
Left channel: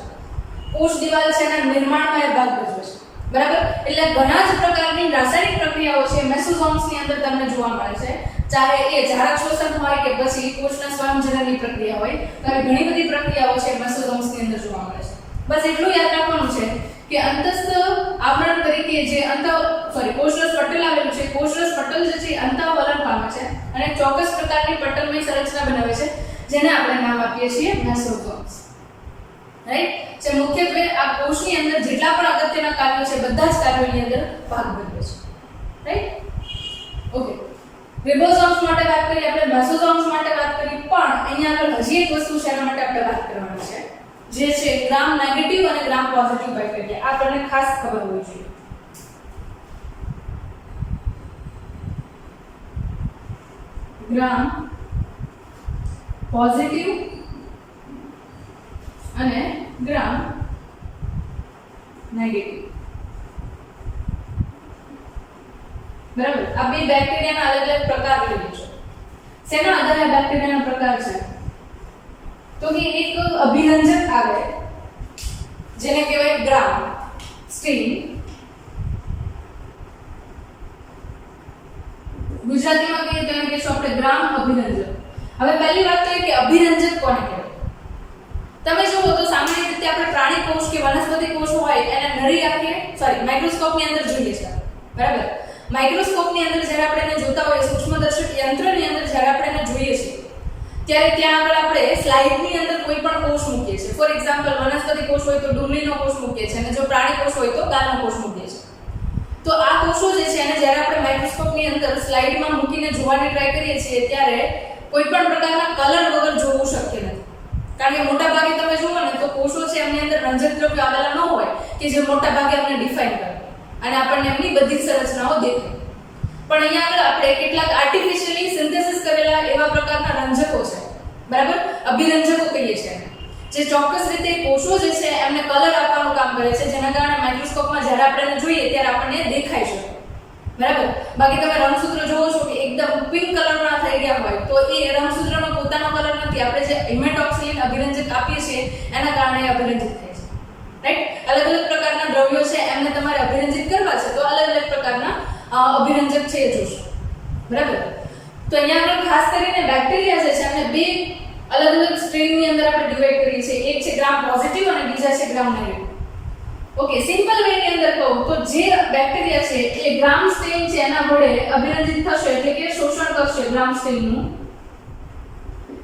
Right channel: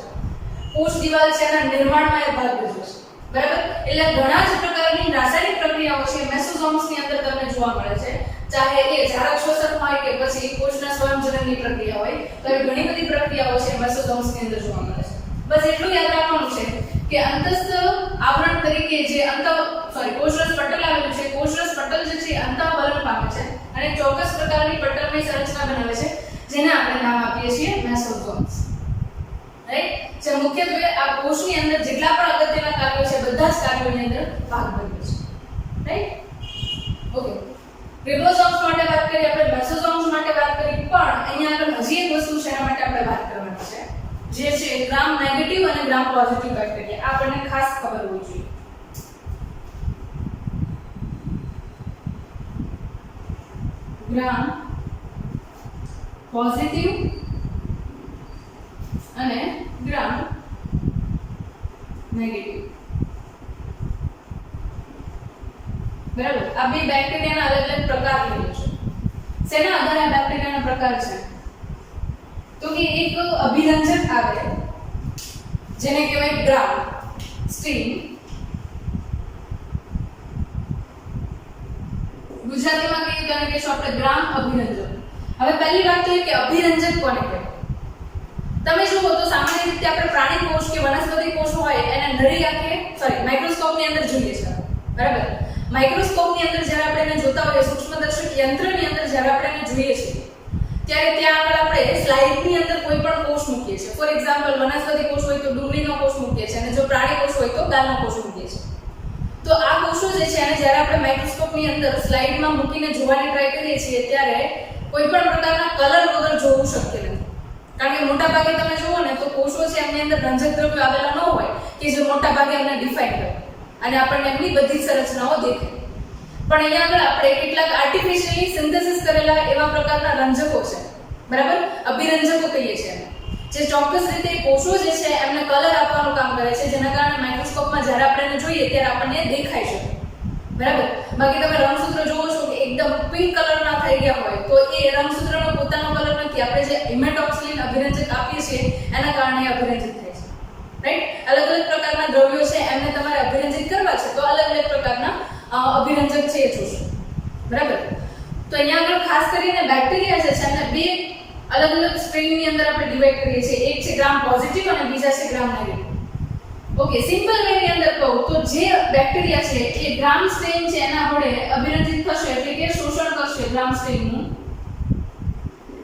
કોષ દિવાલ છે એના નિર્માણમાં એ ભાગ ભજવે છે. બરાબર? એટલે ઘણા જ પ્રકારની રાસાયણિક પ્રક્રિયાઓ છે મેસોસોમ્સની અંદર તમને જોવા મળે છે. ચાહે એ ઝારક શોષણ હોય કે પછી કોષના સ્વયંજનનની પ્રક્રિયા હોય, તો ઘણી બધી પ્રક્રિયાઓ છે મેસોસોમ્સની અંદર જોવા મળે છે. બસ એટલું યાદ રાખવાનું છે કે અંતસ્થ આવરણ તરીકે જે કોષરસ પટલ આવેલું છે, કોષરસ પટલ જે છે અંતઃવલન પામે છે અને ચોક્કસ પ્રકારની પટલમય સંરચના બનાવે છે જેને આપણે નામ આપીએ છીએ મેસોસોમ્સ. રાઈટ? જે મુખ્યત્વે આ કોષની અંદર જેટલા પણ અગત્યના કાર્યો છે બધા જ કાર્યોની અંદર ભાગ ભજવે છે. રાઈટ? ઓકે, રિબોસોમ્સ માટે વાત કરી આપણે, મેસોસોમ્સ માટે વાત કરી, પણ અહીંયા આગળ હજી એક વસ્તુ છે એના માટે આપણે વાત કરવાની છે જે છે ગ્રામ નેગેટિવ અને ગ્રામ પોઝિટિવ બેક્ટેરિયા. આ આપણને ખાસ ખબર હોવી જોઈએ. ગ્રામ પોઝિટિવ અને ગ્રામ નેગેટિવ. બરાબર? આ બે બેક્ટેરિયાના અલગ અલગ પ્રકાર લીધો છે. શેના આધારે બેક્ટેરિયાના પ્રકાર છે તો કે એક અભિરંજક આવે જેને કહેવાય ગ્રામ સ્ટીમ. ગુજરાતીમાં કહીએ તો એને કહેશું આપણે ગ્રામ અભિરંજક. હવે પહેલી વાત તો એ કે અભિરંજક કોને કહેવાય? તમે જુઓ તો સામાન્ય રીતે આપણે પ્રાણી કોષ કે વનસ્પતિ કોષ હોય એને નળી આંખે માઇક્રોસ્કોપની અંદર જોઈએ છે. બરાબર. માઇક્રોસ્કોપની અંદર જ્યારે આપણે એને જોતા હોઈએ, સૂક્ષ્મદર્શક યંત્રની અંદર જ્યારે આપણે એને જોઈએ છીએ ત્યારે ત્યાં આગળ આપણે સ્લાઇડની અંદર કોઈ પણ કોષ મૂકીએ છીએ. ફોર એક્ઝામ્પલ વનસ્પતિ કોષ હોય તો ડુંગળીનો કોષ મૂકીએ છીએ અને જો પ્રાણી કોષ હોય તો ગાલનો કોષ મૂકીએ છીએ. તો આ કોષો જે છે એને જ્યારે આપણે માઇક્રોસ્કોપની અંદર સ્લાઇડમાં મૂકીને જોવાની ટ્રાય કરીએ છીએ ત્યારે કોઈ પણ પ્રકારના કલર વગર જોવું શક્ય નથી. કારણ કે મોટા ભાગે તમે જુઓ ને તો કોષો છે એમની અંદર રંજક દ્રવ્યો આવેલા ન હોય કે જે મોટા ભાગે અમને ડિફાઇન કરે અને આપણને એમની બધી સંરચનાઓ દેખાય. પણ અહીંયા આગળ આપણે કેટલાક આર્ટિફિશિયલી સિન્થેસિસ કરેલા એવા પ્રકારના રંજકો છે, બરાબર, અભિરંજકો કહીએ છીએ એને, જે ચોક્કસ રીતે કોષો જે છે એમને કલર આપવાનું કામ કરે છે, જેના કારણે માઇક્રોસ્કોપમાં જ્યારે આપણે એને જોઈએ ત્યારે આપણને દેખાય છે, બરાબર. બાકી તમે રંગસૂત્ર જોવો છો કે એકદમ પિંક કલરના થઈ ગયા હોય તો એ રંગસૂત્રનો પોતાનો કલર નથી, આપણે જે ઇમેટોક્સિલિન અભિરંજક આપીએ છીએ એના કારણે અભિરંજિત થાય છે, રાઈટ. અલગ અલગ પ્રકારના દ્રવ્યો છે એમને તમારે અભિરંજિત કરવા છે તો અલગ અલગ પ્રકારના અભિરંજક છે એ જોશો, બરાબર. તો અહીંયા આગળ ખાસ કરીને બેક્ટેરિયા જે છે એને બે અલગ અલગ સ્ટ્રેનની અંદર આપણે ડિવાઈડ કરીએ છીએ. એક છે ગ્રામ પોઝિટિવ અને બીજા છે gram negative. Okay, simple way ની અંદર કહું તો જે બેક્ટેરિયા છે એ ગ્રામ સ્ટેન છે એના વડે અભિરંજિત થશે, એટલે કે શોષણ કરશે ગ્રામ સ્ટેનનું,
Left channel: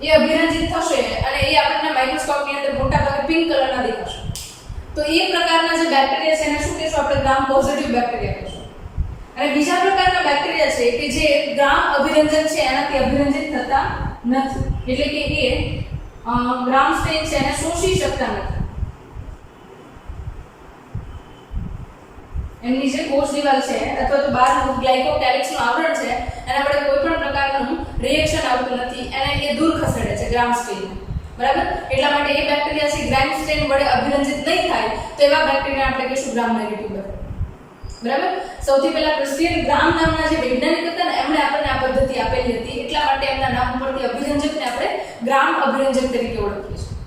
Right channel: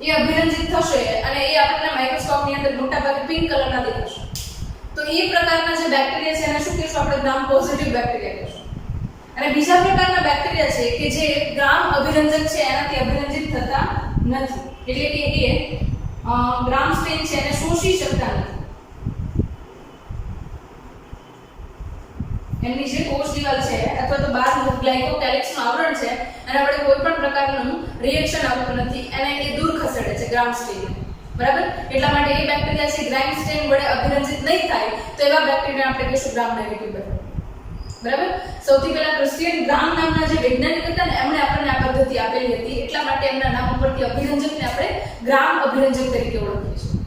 એ અભિરંજિત થશે અને એ આપણને માઇક્રોસ્કોપની અંદર મોટા ભાગે પિંક કલરના દેખાશે. તો એ પ્રકારના જે બેક્ટેરિયા છે એને શું કહેશું આપણે? ગ્રામ પોઝિટિવ બેક્ટેરિયા કહેશું. અને બીજા પ્રકારના બેક્ટેરિયા છે કે જે ગ્રામ અભિરંજક છે એનાથી અભિરંજિત થતા નથી, એટલે કે એ ગ્રામ સ્ટેન છે એને શોષી શકતા નથી. એમની જે કોષ દિવાલ છે અથવા તો બહારનું ગ્લાયકોકેલિક્સનું આવરણ છે એના વડે કોઈ પણ પ્રકારનું રિએક્શન આવતું નથી અને એ દૂર ખસેડે છે ગ્રામ સ્ટેન, બરાબર. એટલા માટે એ બેક્ટેરિયા છે ગ્રામ સ્ટેન વડે અભિરંજિત નહીં થાય તો એવા બેક્ટેરિયા આપણે કહીશું ગ્રામ નેગેટિવ બેક્ટેરિયા, બરાબર. સૌથી પહેલા ક્રિસ્ટિયન ગ્રામ નામના જે વૈજ્ઞાનિક હતા ને એમણે આપણને આ પદ્ધતિ આપેલી હતી, એટલા માટે એમના નામ ઉપરથી અભિરંજકને આપણે ગ્રામ અભિરંજક તરીકે ઓળખીએ છીએ.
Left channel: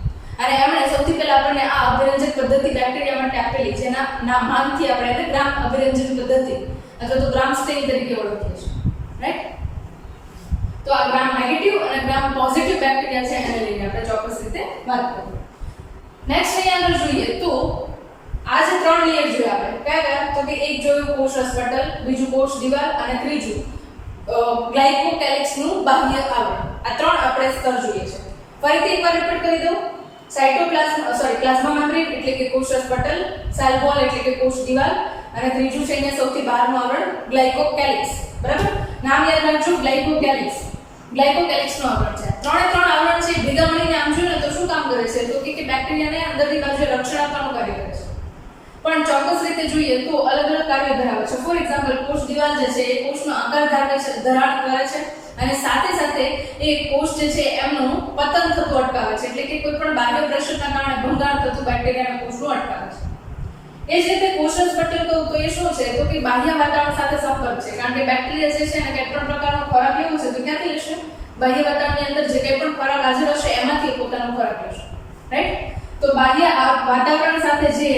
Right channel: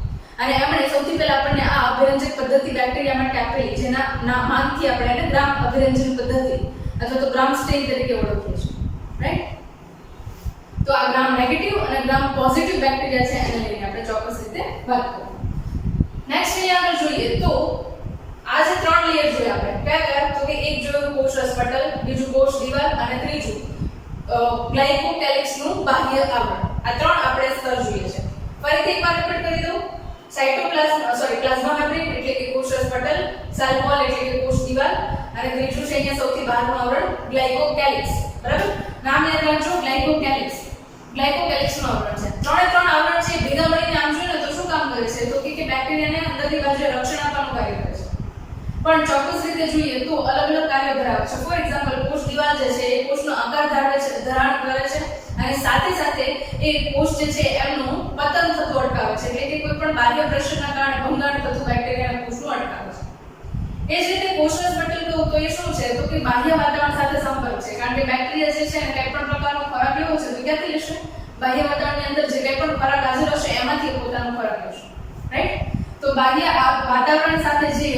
અને એમણે સૌથી પહેલા આપણને આ અભિરંજક પદ્ધતિ બેક્ટેરિયા માટે આપેલી, જેના નામથી આપણે એને ગ્રામ અભિરંજન પદ્ધતિ અથવા તો ગ્રામ સ્ટેન તરીકે ઓળખીએ છીએ, રાઈટ. તો આ ગ્રામ નેગેટિવ અને ગ્રામ પોઝિટિવ બેક્ટેરિયા છે એને લઈને આપણે ચોક્કસ રીતે વાત કરીએ. નેક્સ્ટ અહીંયા આગળ જોઈએ તો આ જે ત્રણ લેયર જોયા આપણે, કયા તો કે એક જોયું કોષરસ પટલ, બીજું કોષ દિવાલ અને ત્રીજું ગ્લાયકોકેલિક્સનું બાહ્ય આવરણ. આ ત્રણ આપણે સ્તર જોઈએ છે. ફરીથી એકવાર રિપીટ કરી દઉં. પ્લાઝ્મા મેમ્બ્રેન એટલે કે કોષરસ પટલ, સેલ વોલ એટલે કે કોષ દિવાલ અને ત્રીજું છે અહીંયા સૌથી બહારનું આવરણ ગ્લાયકોકેલિક્સ, બરાબર. નામ યાદ રાખજો, ગ્લાયકોકેલિક્સ. ગ્લાયકોકેલિક્સનું આવરણ છે. ત્રણે ત્રણ આવરણ છે ભેગા મળીને આમ જોઈએ ને તો શું કામ કરે છે? તો કે બેક્ટેરિયાને અંદરની બાજુએ રક્ષણ આપવાનું કાર્ય કરે છે. પણ ચોક્કસ રીતે જોઈએ તો અલગ અલગ કાર્ય ધરાવે છે. ફોર એક્ઝામ્પલ કોષ દિવાલ જે છે એ કોષનો આકાર ધારણ કરે છે અને સાથે સાથે એ કોષ જે છે એમનું પતન થતું અટકાવે છે, એટલે કે કોઈ પણ બાહ્ય પ્રેશરના કારણે ભંગાણ થતું બેક્ટેરિયાના કોષનું અટકાવે છે. એ જ રીતે કોષરસ પટલ કહું તો એ શું છે? તો કે બાહ્ય વાતાવરણ સાથે સંપર્ક છે, કારણ કે બેક્ટેરિયા જે છે એને કંઈ પણ પ્રકારનો ખોરાક લેવો છે તો ક્યાંથી લેશે? બાહ્ય વાતાવરણની અંદર જે કંઈ પણ ખોરાક હાજર હશે એમાંથી પોતાનો ખોરાક લેશે, રાઈટ. તો બાહ્ય વાતાવરણ સાથે જે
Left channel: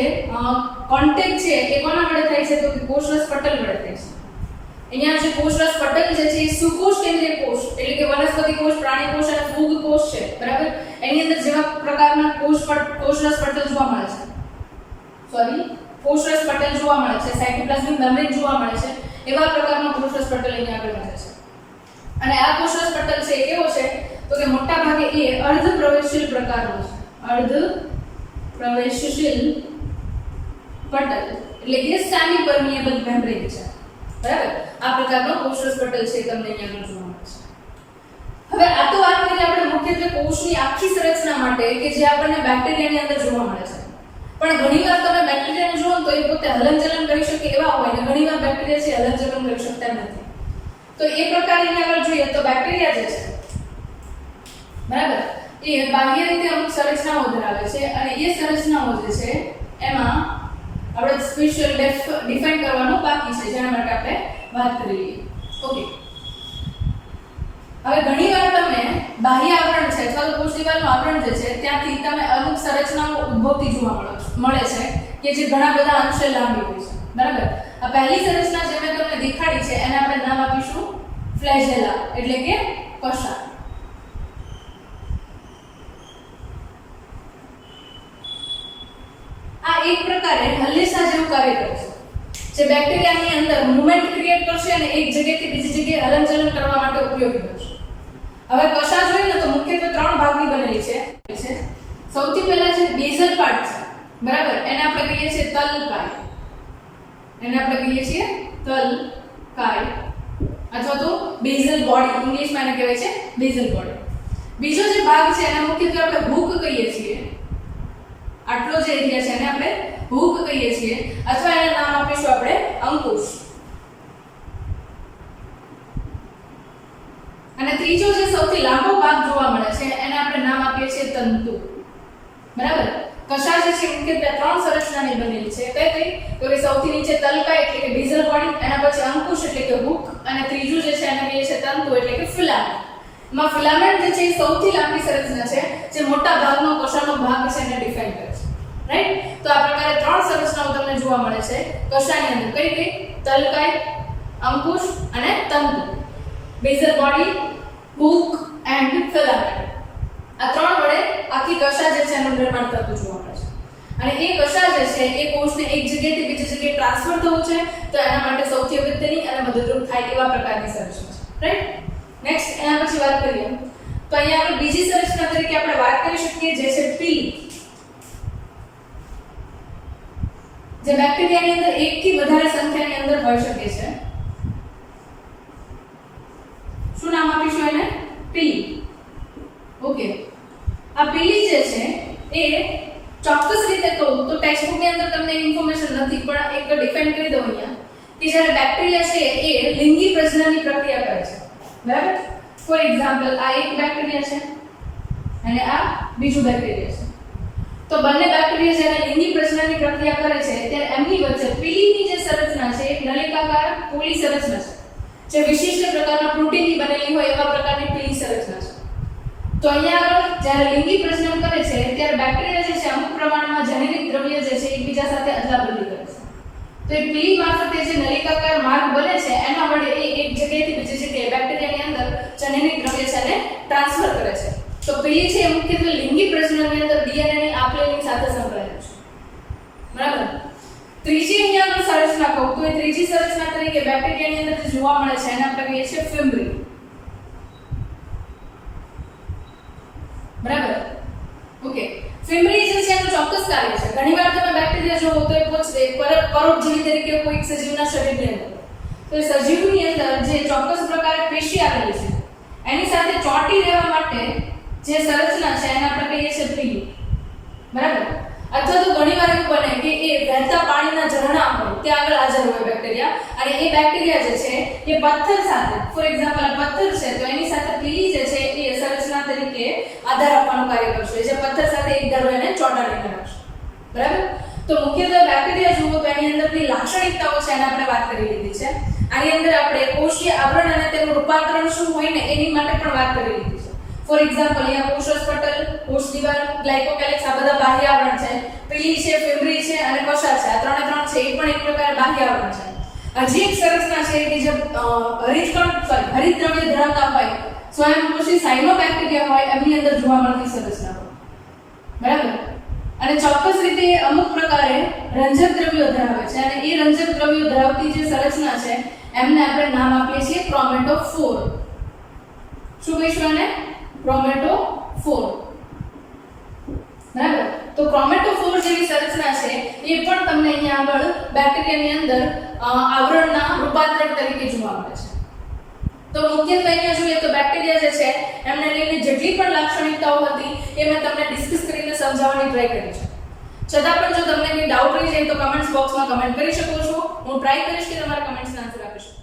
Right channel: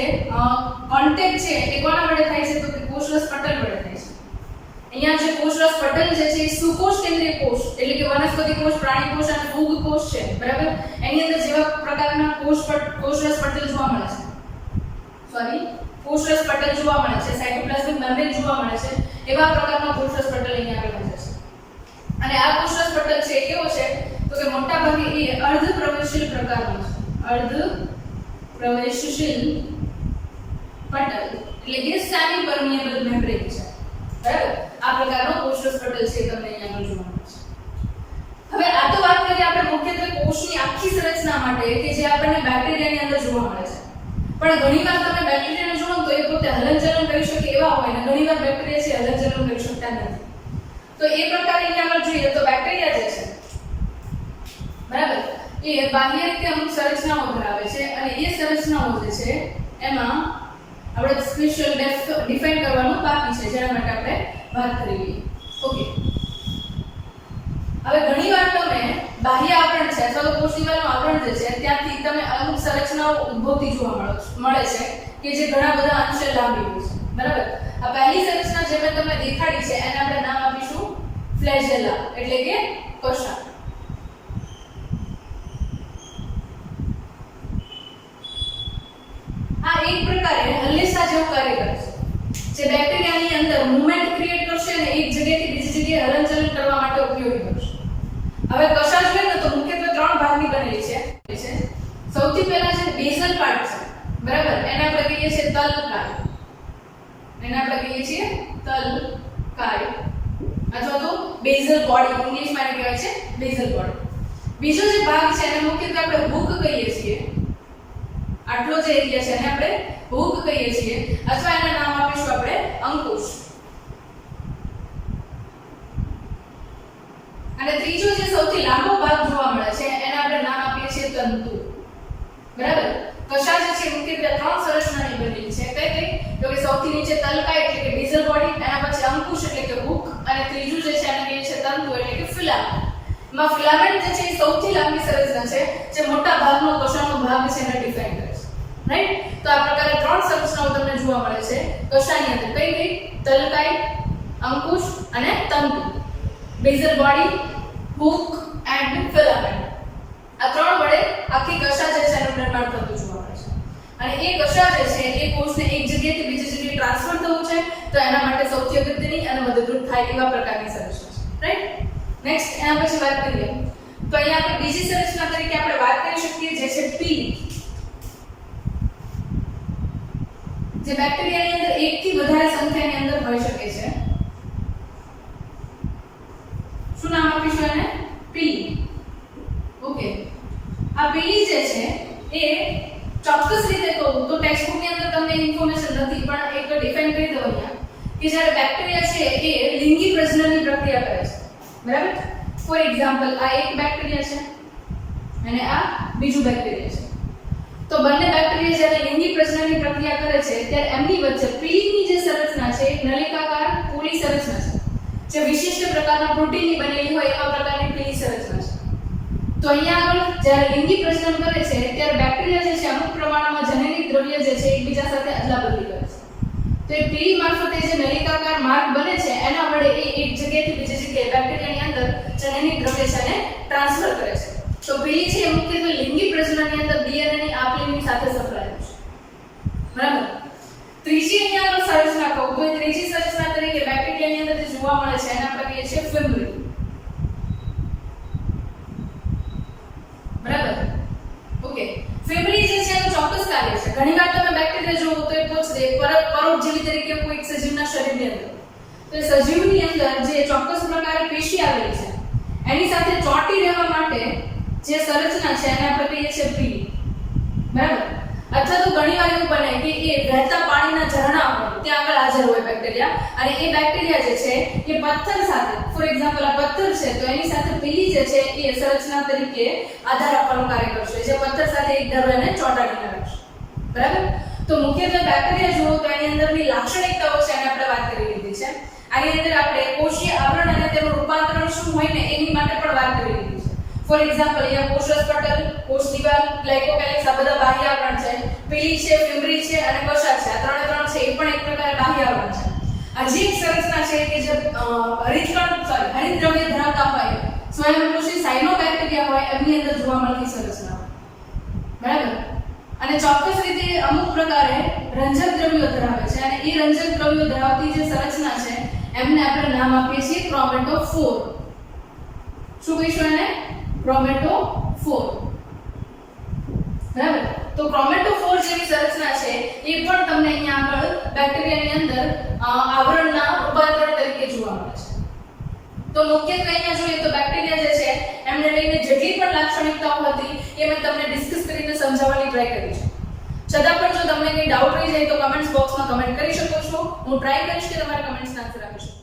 કોન્ટેક્ટ છે એ કોના વડે થાય છે? તો કે કોષરસ પટલ વડે થાય છે. અહીંયા જે કોષરસ પટલ જે છે એ સુકોષ કેન્દ્રીય કોષ એટલે કે વનસ્પતિ કોષ, પ્રાણી કોષ અને ફૂગ કોષ છે, બરાબર. એની અંદર જેવા પ્રકારના કોષરસ પટલ જોવા મળે છે, કોષરસ પટલ જોવા મળે છે, સાયટોપ્લાઝમિક મેમ્બ્રેન જોવા મળે છે, એવા પ્રકારનો કોષરસ પટલ અહીંયા આગળ બને છે. અને આ કોષરસ પટલ છે કેવો છે? તો કે મોટા ભાગે એ અર્ધ પ્રવેશશીલ પ્રકારનો છે. અર્ધ પ્રવેશશીલ પટલ એટલે કે સેમી પરમિએબલ મેમ્બ્રેન છે, બરાબર. આ પ્રકારનો કોષરસ પટલ છે તમને અહીંયા આગળ જોવા મળે છે. હવે આ તો વાત કરીએ આપણે મુખ્યત્વે કોષની આખી સંરચના માટે કે જે આપણને બેક્ટેરિયાની અંદર જોવા મળે છે. પણ ઘણીવાર તમે બેક્ટેરિયાને જુઓ તો એ પોતે હલનચલન કરી શકે એવા હોય ને ઘણીવાર બેક્ટેરિયા છે હલનચલન કરી શકતા નથી. તો એ પ્રકારે અહીંયા આગળ જોઈએ તો બેક્ટેરિયા જે છે, બરાબર, એ બાહ્ય રીતે અમુક સંરચનાઓ ધરાવે છે અને એ સંરચનાઓ જે છે એમાં આપણે સ્પેશિયલ ડિફાઇન કરવાનું બાકી છે, જેના માટે આપણે વાત કરી લઈએ. ઓકે, હવે ઘણીવાર તમે બાહ્ય આવરણ છે અથવા તો કોષ દિવાલનું આવરણ જે છે ત્યાંથી તમે અમુક સંરચનાઓ ઉદ્ભવતી જોવા મળે છે કે જે ઘણા બધા અંશે લાંબી હોય છે, બરાબર. આ પહેલી સંરચના જે મેં તમને દેખાડી છે એને આપણે નામ આપીશું ફ્લેજેલા એટલે કે કશા. આ એક પ્રકારે હલ્લેસા જેવું કાર્ય કરે છે. જે બેક્ટેરિયાની અંદર મૂવમેન્ટ ક્રિએટ કરશે અને એક જગ્યાએથી બીજી જગ્યાએ હલનચલન કરવા માટે ઉપયોગી બનશે. હવે કશા જોઈએ ને તો મુખ્યત્વે 3 ભાગની બનેલી છે. સૌથી પહેલા છે બેઝલ પાર્ટ છે, બરાબર, એને આપણે કહીએ છીએ તલકાય. અથવા તો બેઝલ બોડી, ઇંગ્લિશમાં એને કહેવાય છે બેઝલ બોડી. બીજો જે ભાગ છે એને મુખ્યત્વે આપણે હૂક કહીએ છીએ. આટલો જે એરિયા છે એને આપણે હૂક કહીએ છીએ, અથવા એનું નામ આપીશું આપણે અંકુશ. અને ત્રીજો જે સૌથી લાંબો ભાગ જોવા મળે છે એને આપણે નામ આપીએ છીએ તંતુ, બરાબર. કશા જે છે મુખ્યત્વે 3 સંરચનાની બનેલી છે. કઈ તો કે સૌથી નીચે તલકાય એટલે કે બેઝલ બોડી, એના પછી અંકુશ એટલે કે હૂક, અને ત્રીજું જે છે એને કહીએ છીએ તંતુ એટલે કે ફિલામેન્ટ. માં ફિલામેન્ટ જે છે એ સૌથી લાંબી સંરચના છે જે મોટા ભાગનો કશાનો ભાગ છે એને ડિફાઇન કરે છે, રાઈટ. તો આ પ્રકારે 3 સંરચનાઓ તમને જોવા મળે છે કશાની અંદર. કઈ તલકાય, અંકુશ અને તંતુ. Basal body, hook and filament. આ 3 વડે આખી કશા જે છે એનું નિર્માણ થતું જોવા મળે છે. અને એ કશા જે છે એ કોષને એક જગ્યાએથી બીજી જગ્યાએ ટ્રાન્સફર થવું છે તો એના માટે સૌથી અગત્યની અને મદદરૂપ થાય એવા પ્રકારની સંરચના છે, રાઈટ. નેક્સ્ટ એના પછી વાત કરીએ તો અહીંયા આપણે બીજી સંરચના તરીકે આપણે વાત કરી શકીએ જે છે પીલી, જે બેક્ટેરિયાની અંદર એકથી વધારે સંખ્યાની અંદર હોઈ શકે છે. શું નામ આપીશું એને? પીલી. ઓકે. આ પીલી જે છે એ ચોક્કસ રીતે કહું તો ટેક્સ્ટબુક ની અંદર તમને ઇન્ફોર્મેશન નથી, પણ એક ડિફાઇન કરી દઉં અહીંયા કે જ્યારે બેક્ટેરિયા છે એ લિંગી પ્રજનનની પ્રક્રિયા કરે છે, બરાબર. ફોર એક્ઝામ્પલ આ એક બેક્ટેરિયા છે અને આ બીજું બેક્ટેરિયા છે. તો બંને બેક્ટેરિયા જ્યારે લિંગી પ્રજનનની પ્રક્રિયા કરે છે ત્યારે એમની વચ્ચે પીલીની જે સંરચના છે એક નલિકાકાર પોલી સંરચના છે જે વિશિષ્ટ પ્રકારના પ્રોટીનની બનેલી હોય એવા પ્રકારની પીલી સંરચના છે. તો અહીંયા આગળ જ્યારે લિંગી પ્રજનન કરે છે ત્યારે બેક્ટેરિયા જે છે અમુક પ્રમાણમાં જનનિક દ્રવ્ય જે છે એકબીજા સાથે અદલાબદલી કરે છે. તો એ પીલી મારફતે જે નલિકાકાર માર્ગ બને છે એના વડે એ એક જગ્યાએથી બીજી જગ્યાએ બેક્ટેરિયાની અંદર જનનિક દ્રવ્ય છે એને ટ્રાન્સફર કરે છે. તો પીલી છે એ મુખ્યત્વે લિંગી પ્રજનનની અંદર ડીએનએ ની આપલેની સાથે સંકળાયેલું છે, બરાબર. ત્રીજી અહીંયા આગળ સંરચના કહું તો એ ત્રીજી સંરચના તરીકે બેક્ટેરિયાની અંદર જે જોવા મળે છે એને આપણે કહીએ છીએ ફિમ્બ્રી, બરાબર. ઓકે. ફિમ્બ્રી જે છે એનું ચોક્કસ કાર્ય છે. ઘણીવાર તમે બેક્ટેરિયા જોવો તો એ પૂછશે પરોપજીવી તરીકે કોઈ સજીવના શરીરની અંદર. તો એ સજીવની અંદર જે ચોક્કસ પ્રકારે પેશી આવેલી છે એની સાથે ચોંટી રહેવા માટે જે સંરચના છે એને આપણે કહીએ છીએ પીલી, બરાબર. અથવા તો ઘણીવાર એવું બને કે એ વહેતા પાણીના ઝરણા હોય ત્યાં આગળ હાજર હોય બેક્ટેરિયા, અને એ બેક્ટેરિયા જે છે એ પથ્થર સાથે, ફોર એક્ઝામ્પલ આ પથ્થર છે તો એની સાથે પીલી જે છે એ સંરચના તરીકે આધાર આપવાનું કાર્ય કરશે, જે પથ્થર સાથે એક ધારો એને ચોંટાડીને રાખશે, બરાબર. તો મુખ્યત્વે બેક્ટેરિયા જુઓ તો એની અંદરની લાક્ષણિકતાઓ છે એને આપણે વાત કરી લીધી છે. આની અંદર આપણે કોષીય આવરણ અને તેનું રૂપાંતરણ શું હોય ને એની માટે પણ વાત કરી લીધી છે. ફોર એક્ઝામ્પલ અહીંયા કોષરસ પટલ, કોષ દિવાલ, ગ્લાયકોકેલિક્સ આ બધા બાહ્ય આવરણ છે. પીલી છે, ફિમ્બ્રી છે અને કશા છે, આ ત્રણે ત્રણ છે એ પણ એક પ્રકારે બાહ્ય આવરણ છે. હજી એક સંરચના છે કે જે હરિત દ્રવ્ય ધરાવતા હોય, સ્વયંપોષી સાયનોબેક્ટેરિયા હોય એમની અંદર જોવા મળતી સંરચના, બરાબર. અને ચોક્કસ રીતે અમુક પ્રકારે રંજક દ્રવ્યો ધરાવે છે અને એ રંજક દ્રવ્યો ધરાવતી જે સંરચના છે એમને આપણે નામ આપીએ છીએ ક્રોમેટોફોર. શું કહીશું એને? ક્રોમેટોફોર, બરાબર. તો ક્રોમેટોફોર જેવી સંરચના છે એ પણ તમને અહીંયા આગળ બેક્ટેરિયાની અંદર આવરણના રૂપાંતરણ તરીકે જોવા મળે છે. તો મુખ્યત્વે અહીંયા જોઈએ તો બેક્ટેરિયા જે છે એમને લઈને જેટલી પણ લાક્ષણિકતાઓ હતી એ મેં તમને ડિસ્કસ કરીને સમજાવવાની ટ્રાય કરી છે. છતાં પણ જો તમને કંઈ ડાઉટ રહી જાય તો કમેન્ટ્સ બોક્સમાં કમેન્ટ કરી શકો છો. હું ટ્રાય કરીશ કે તમારા કમેન્ટ્સના આન્સર આપી શકું.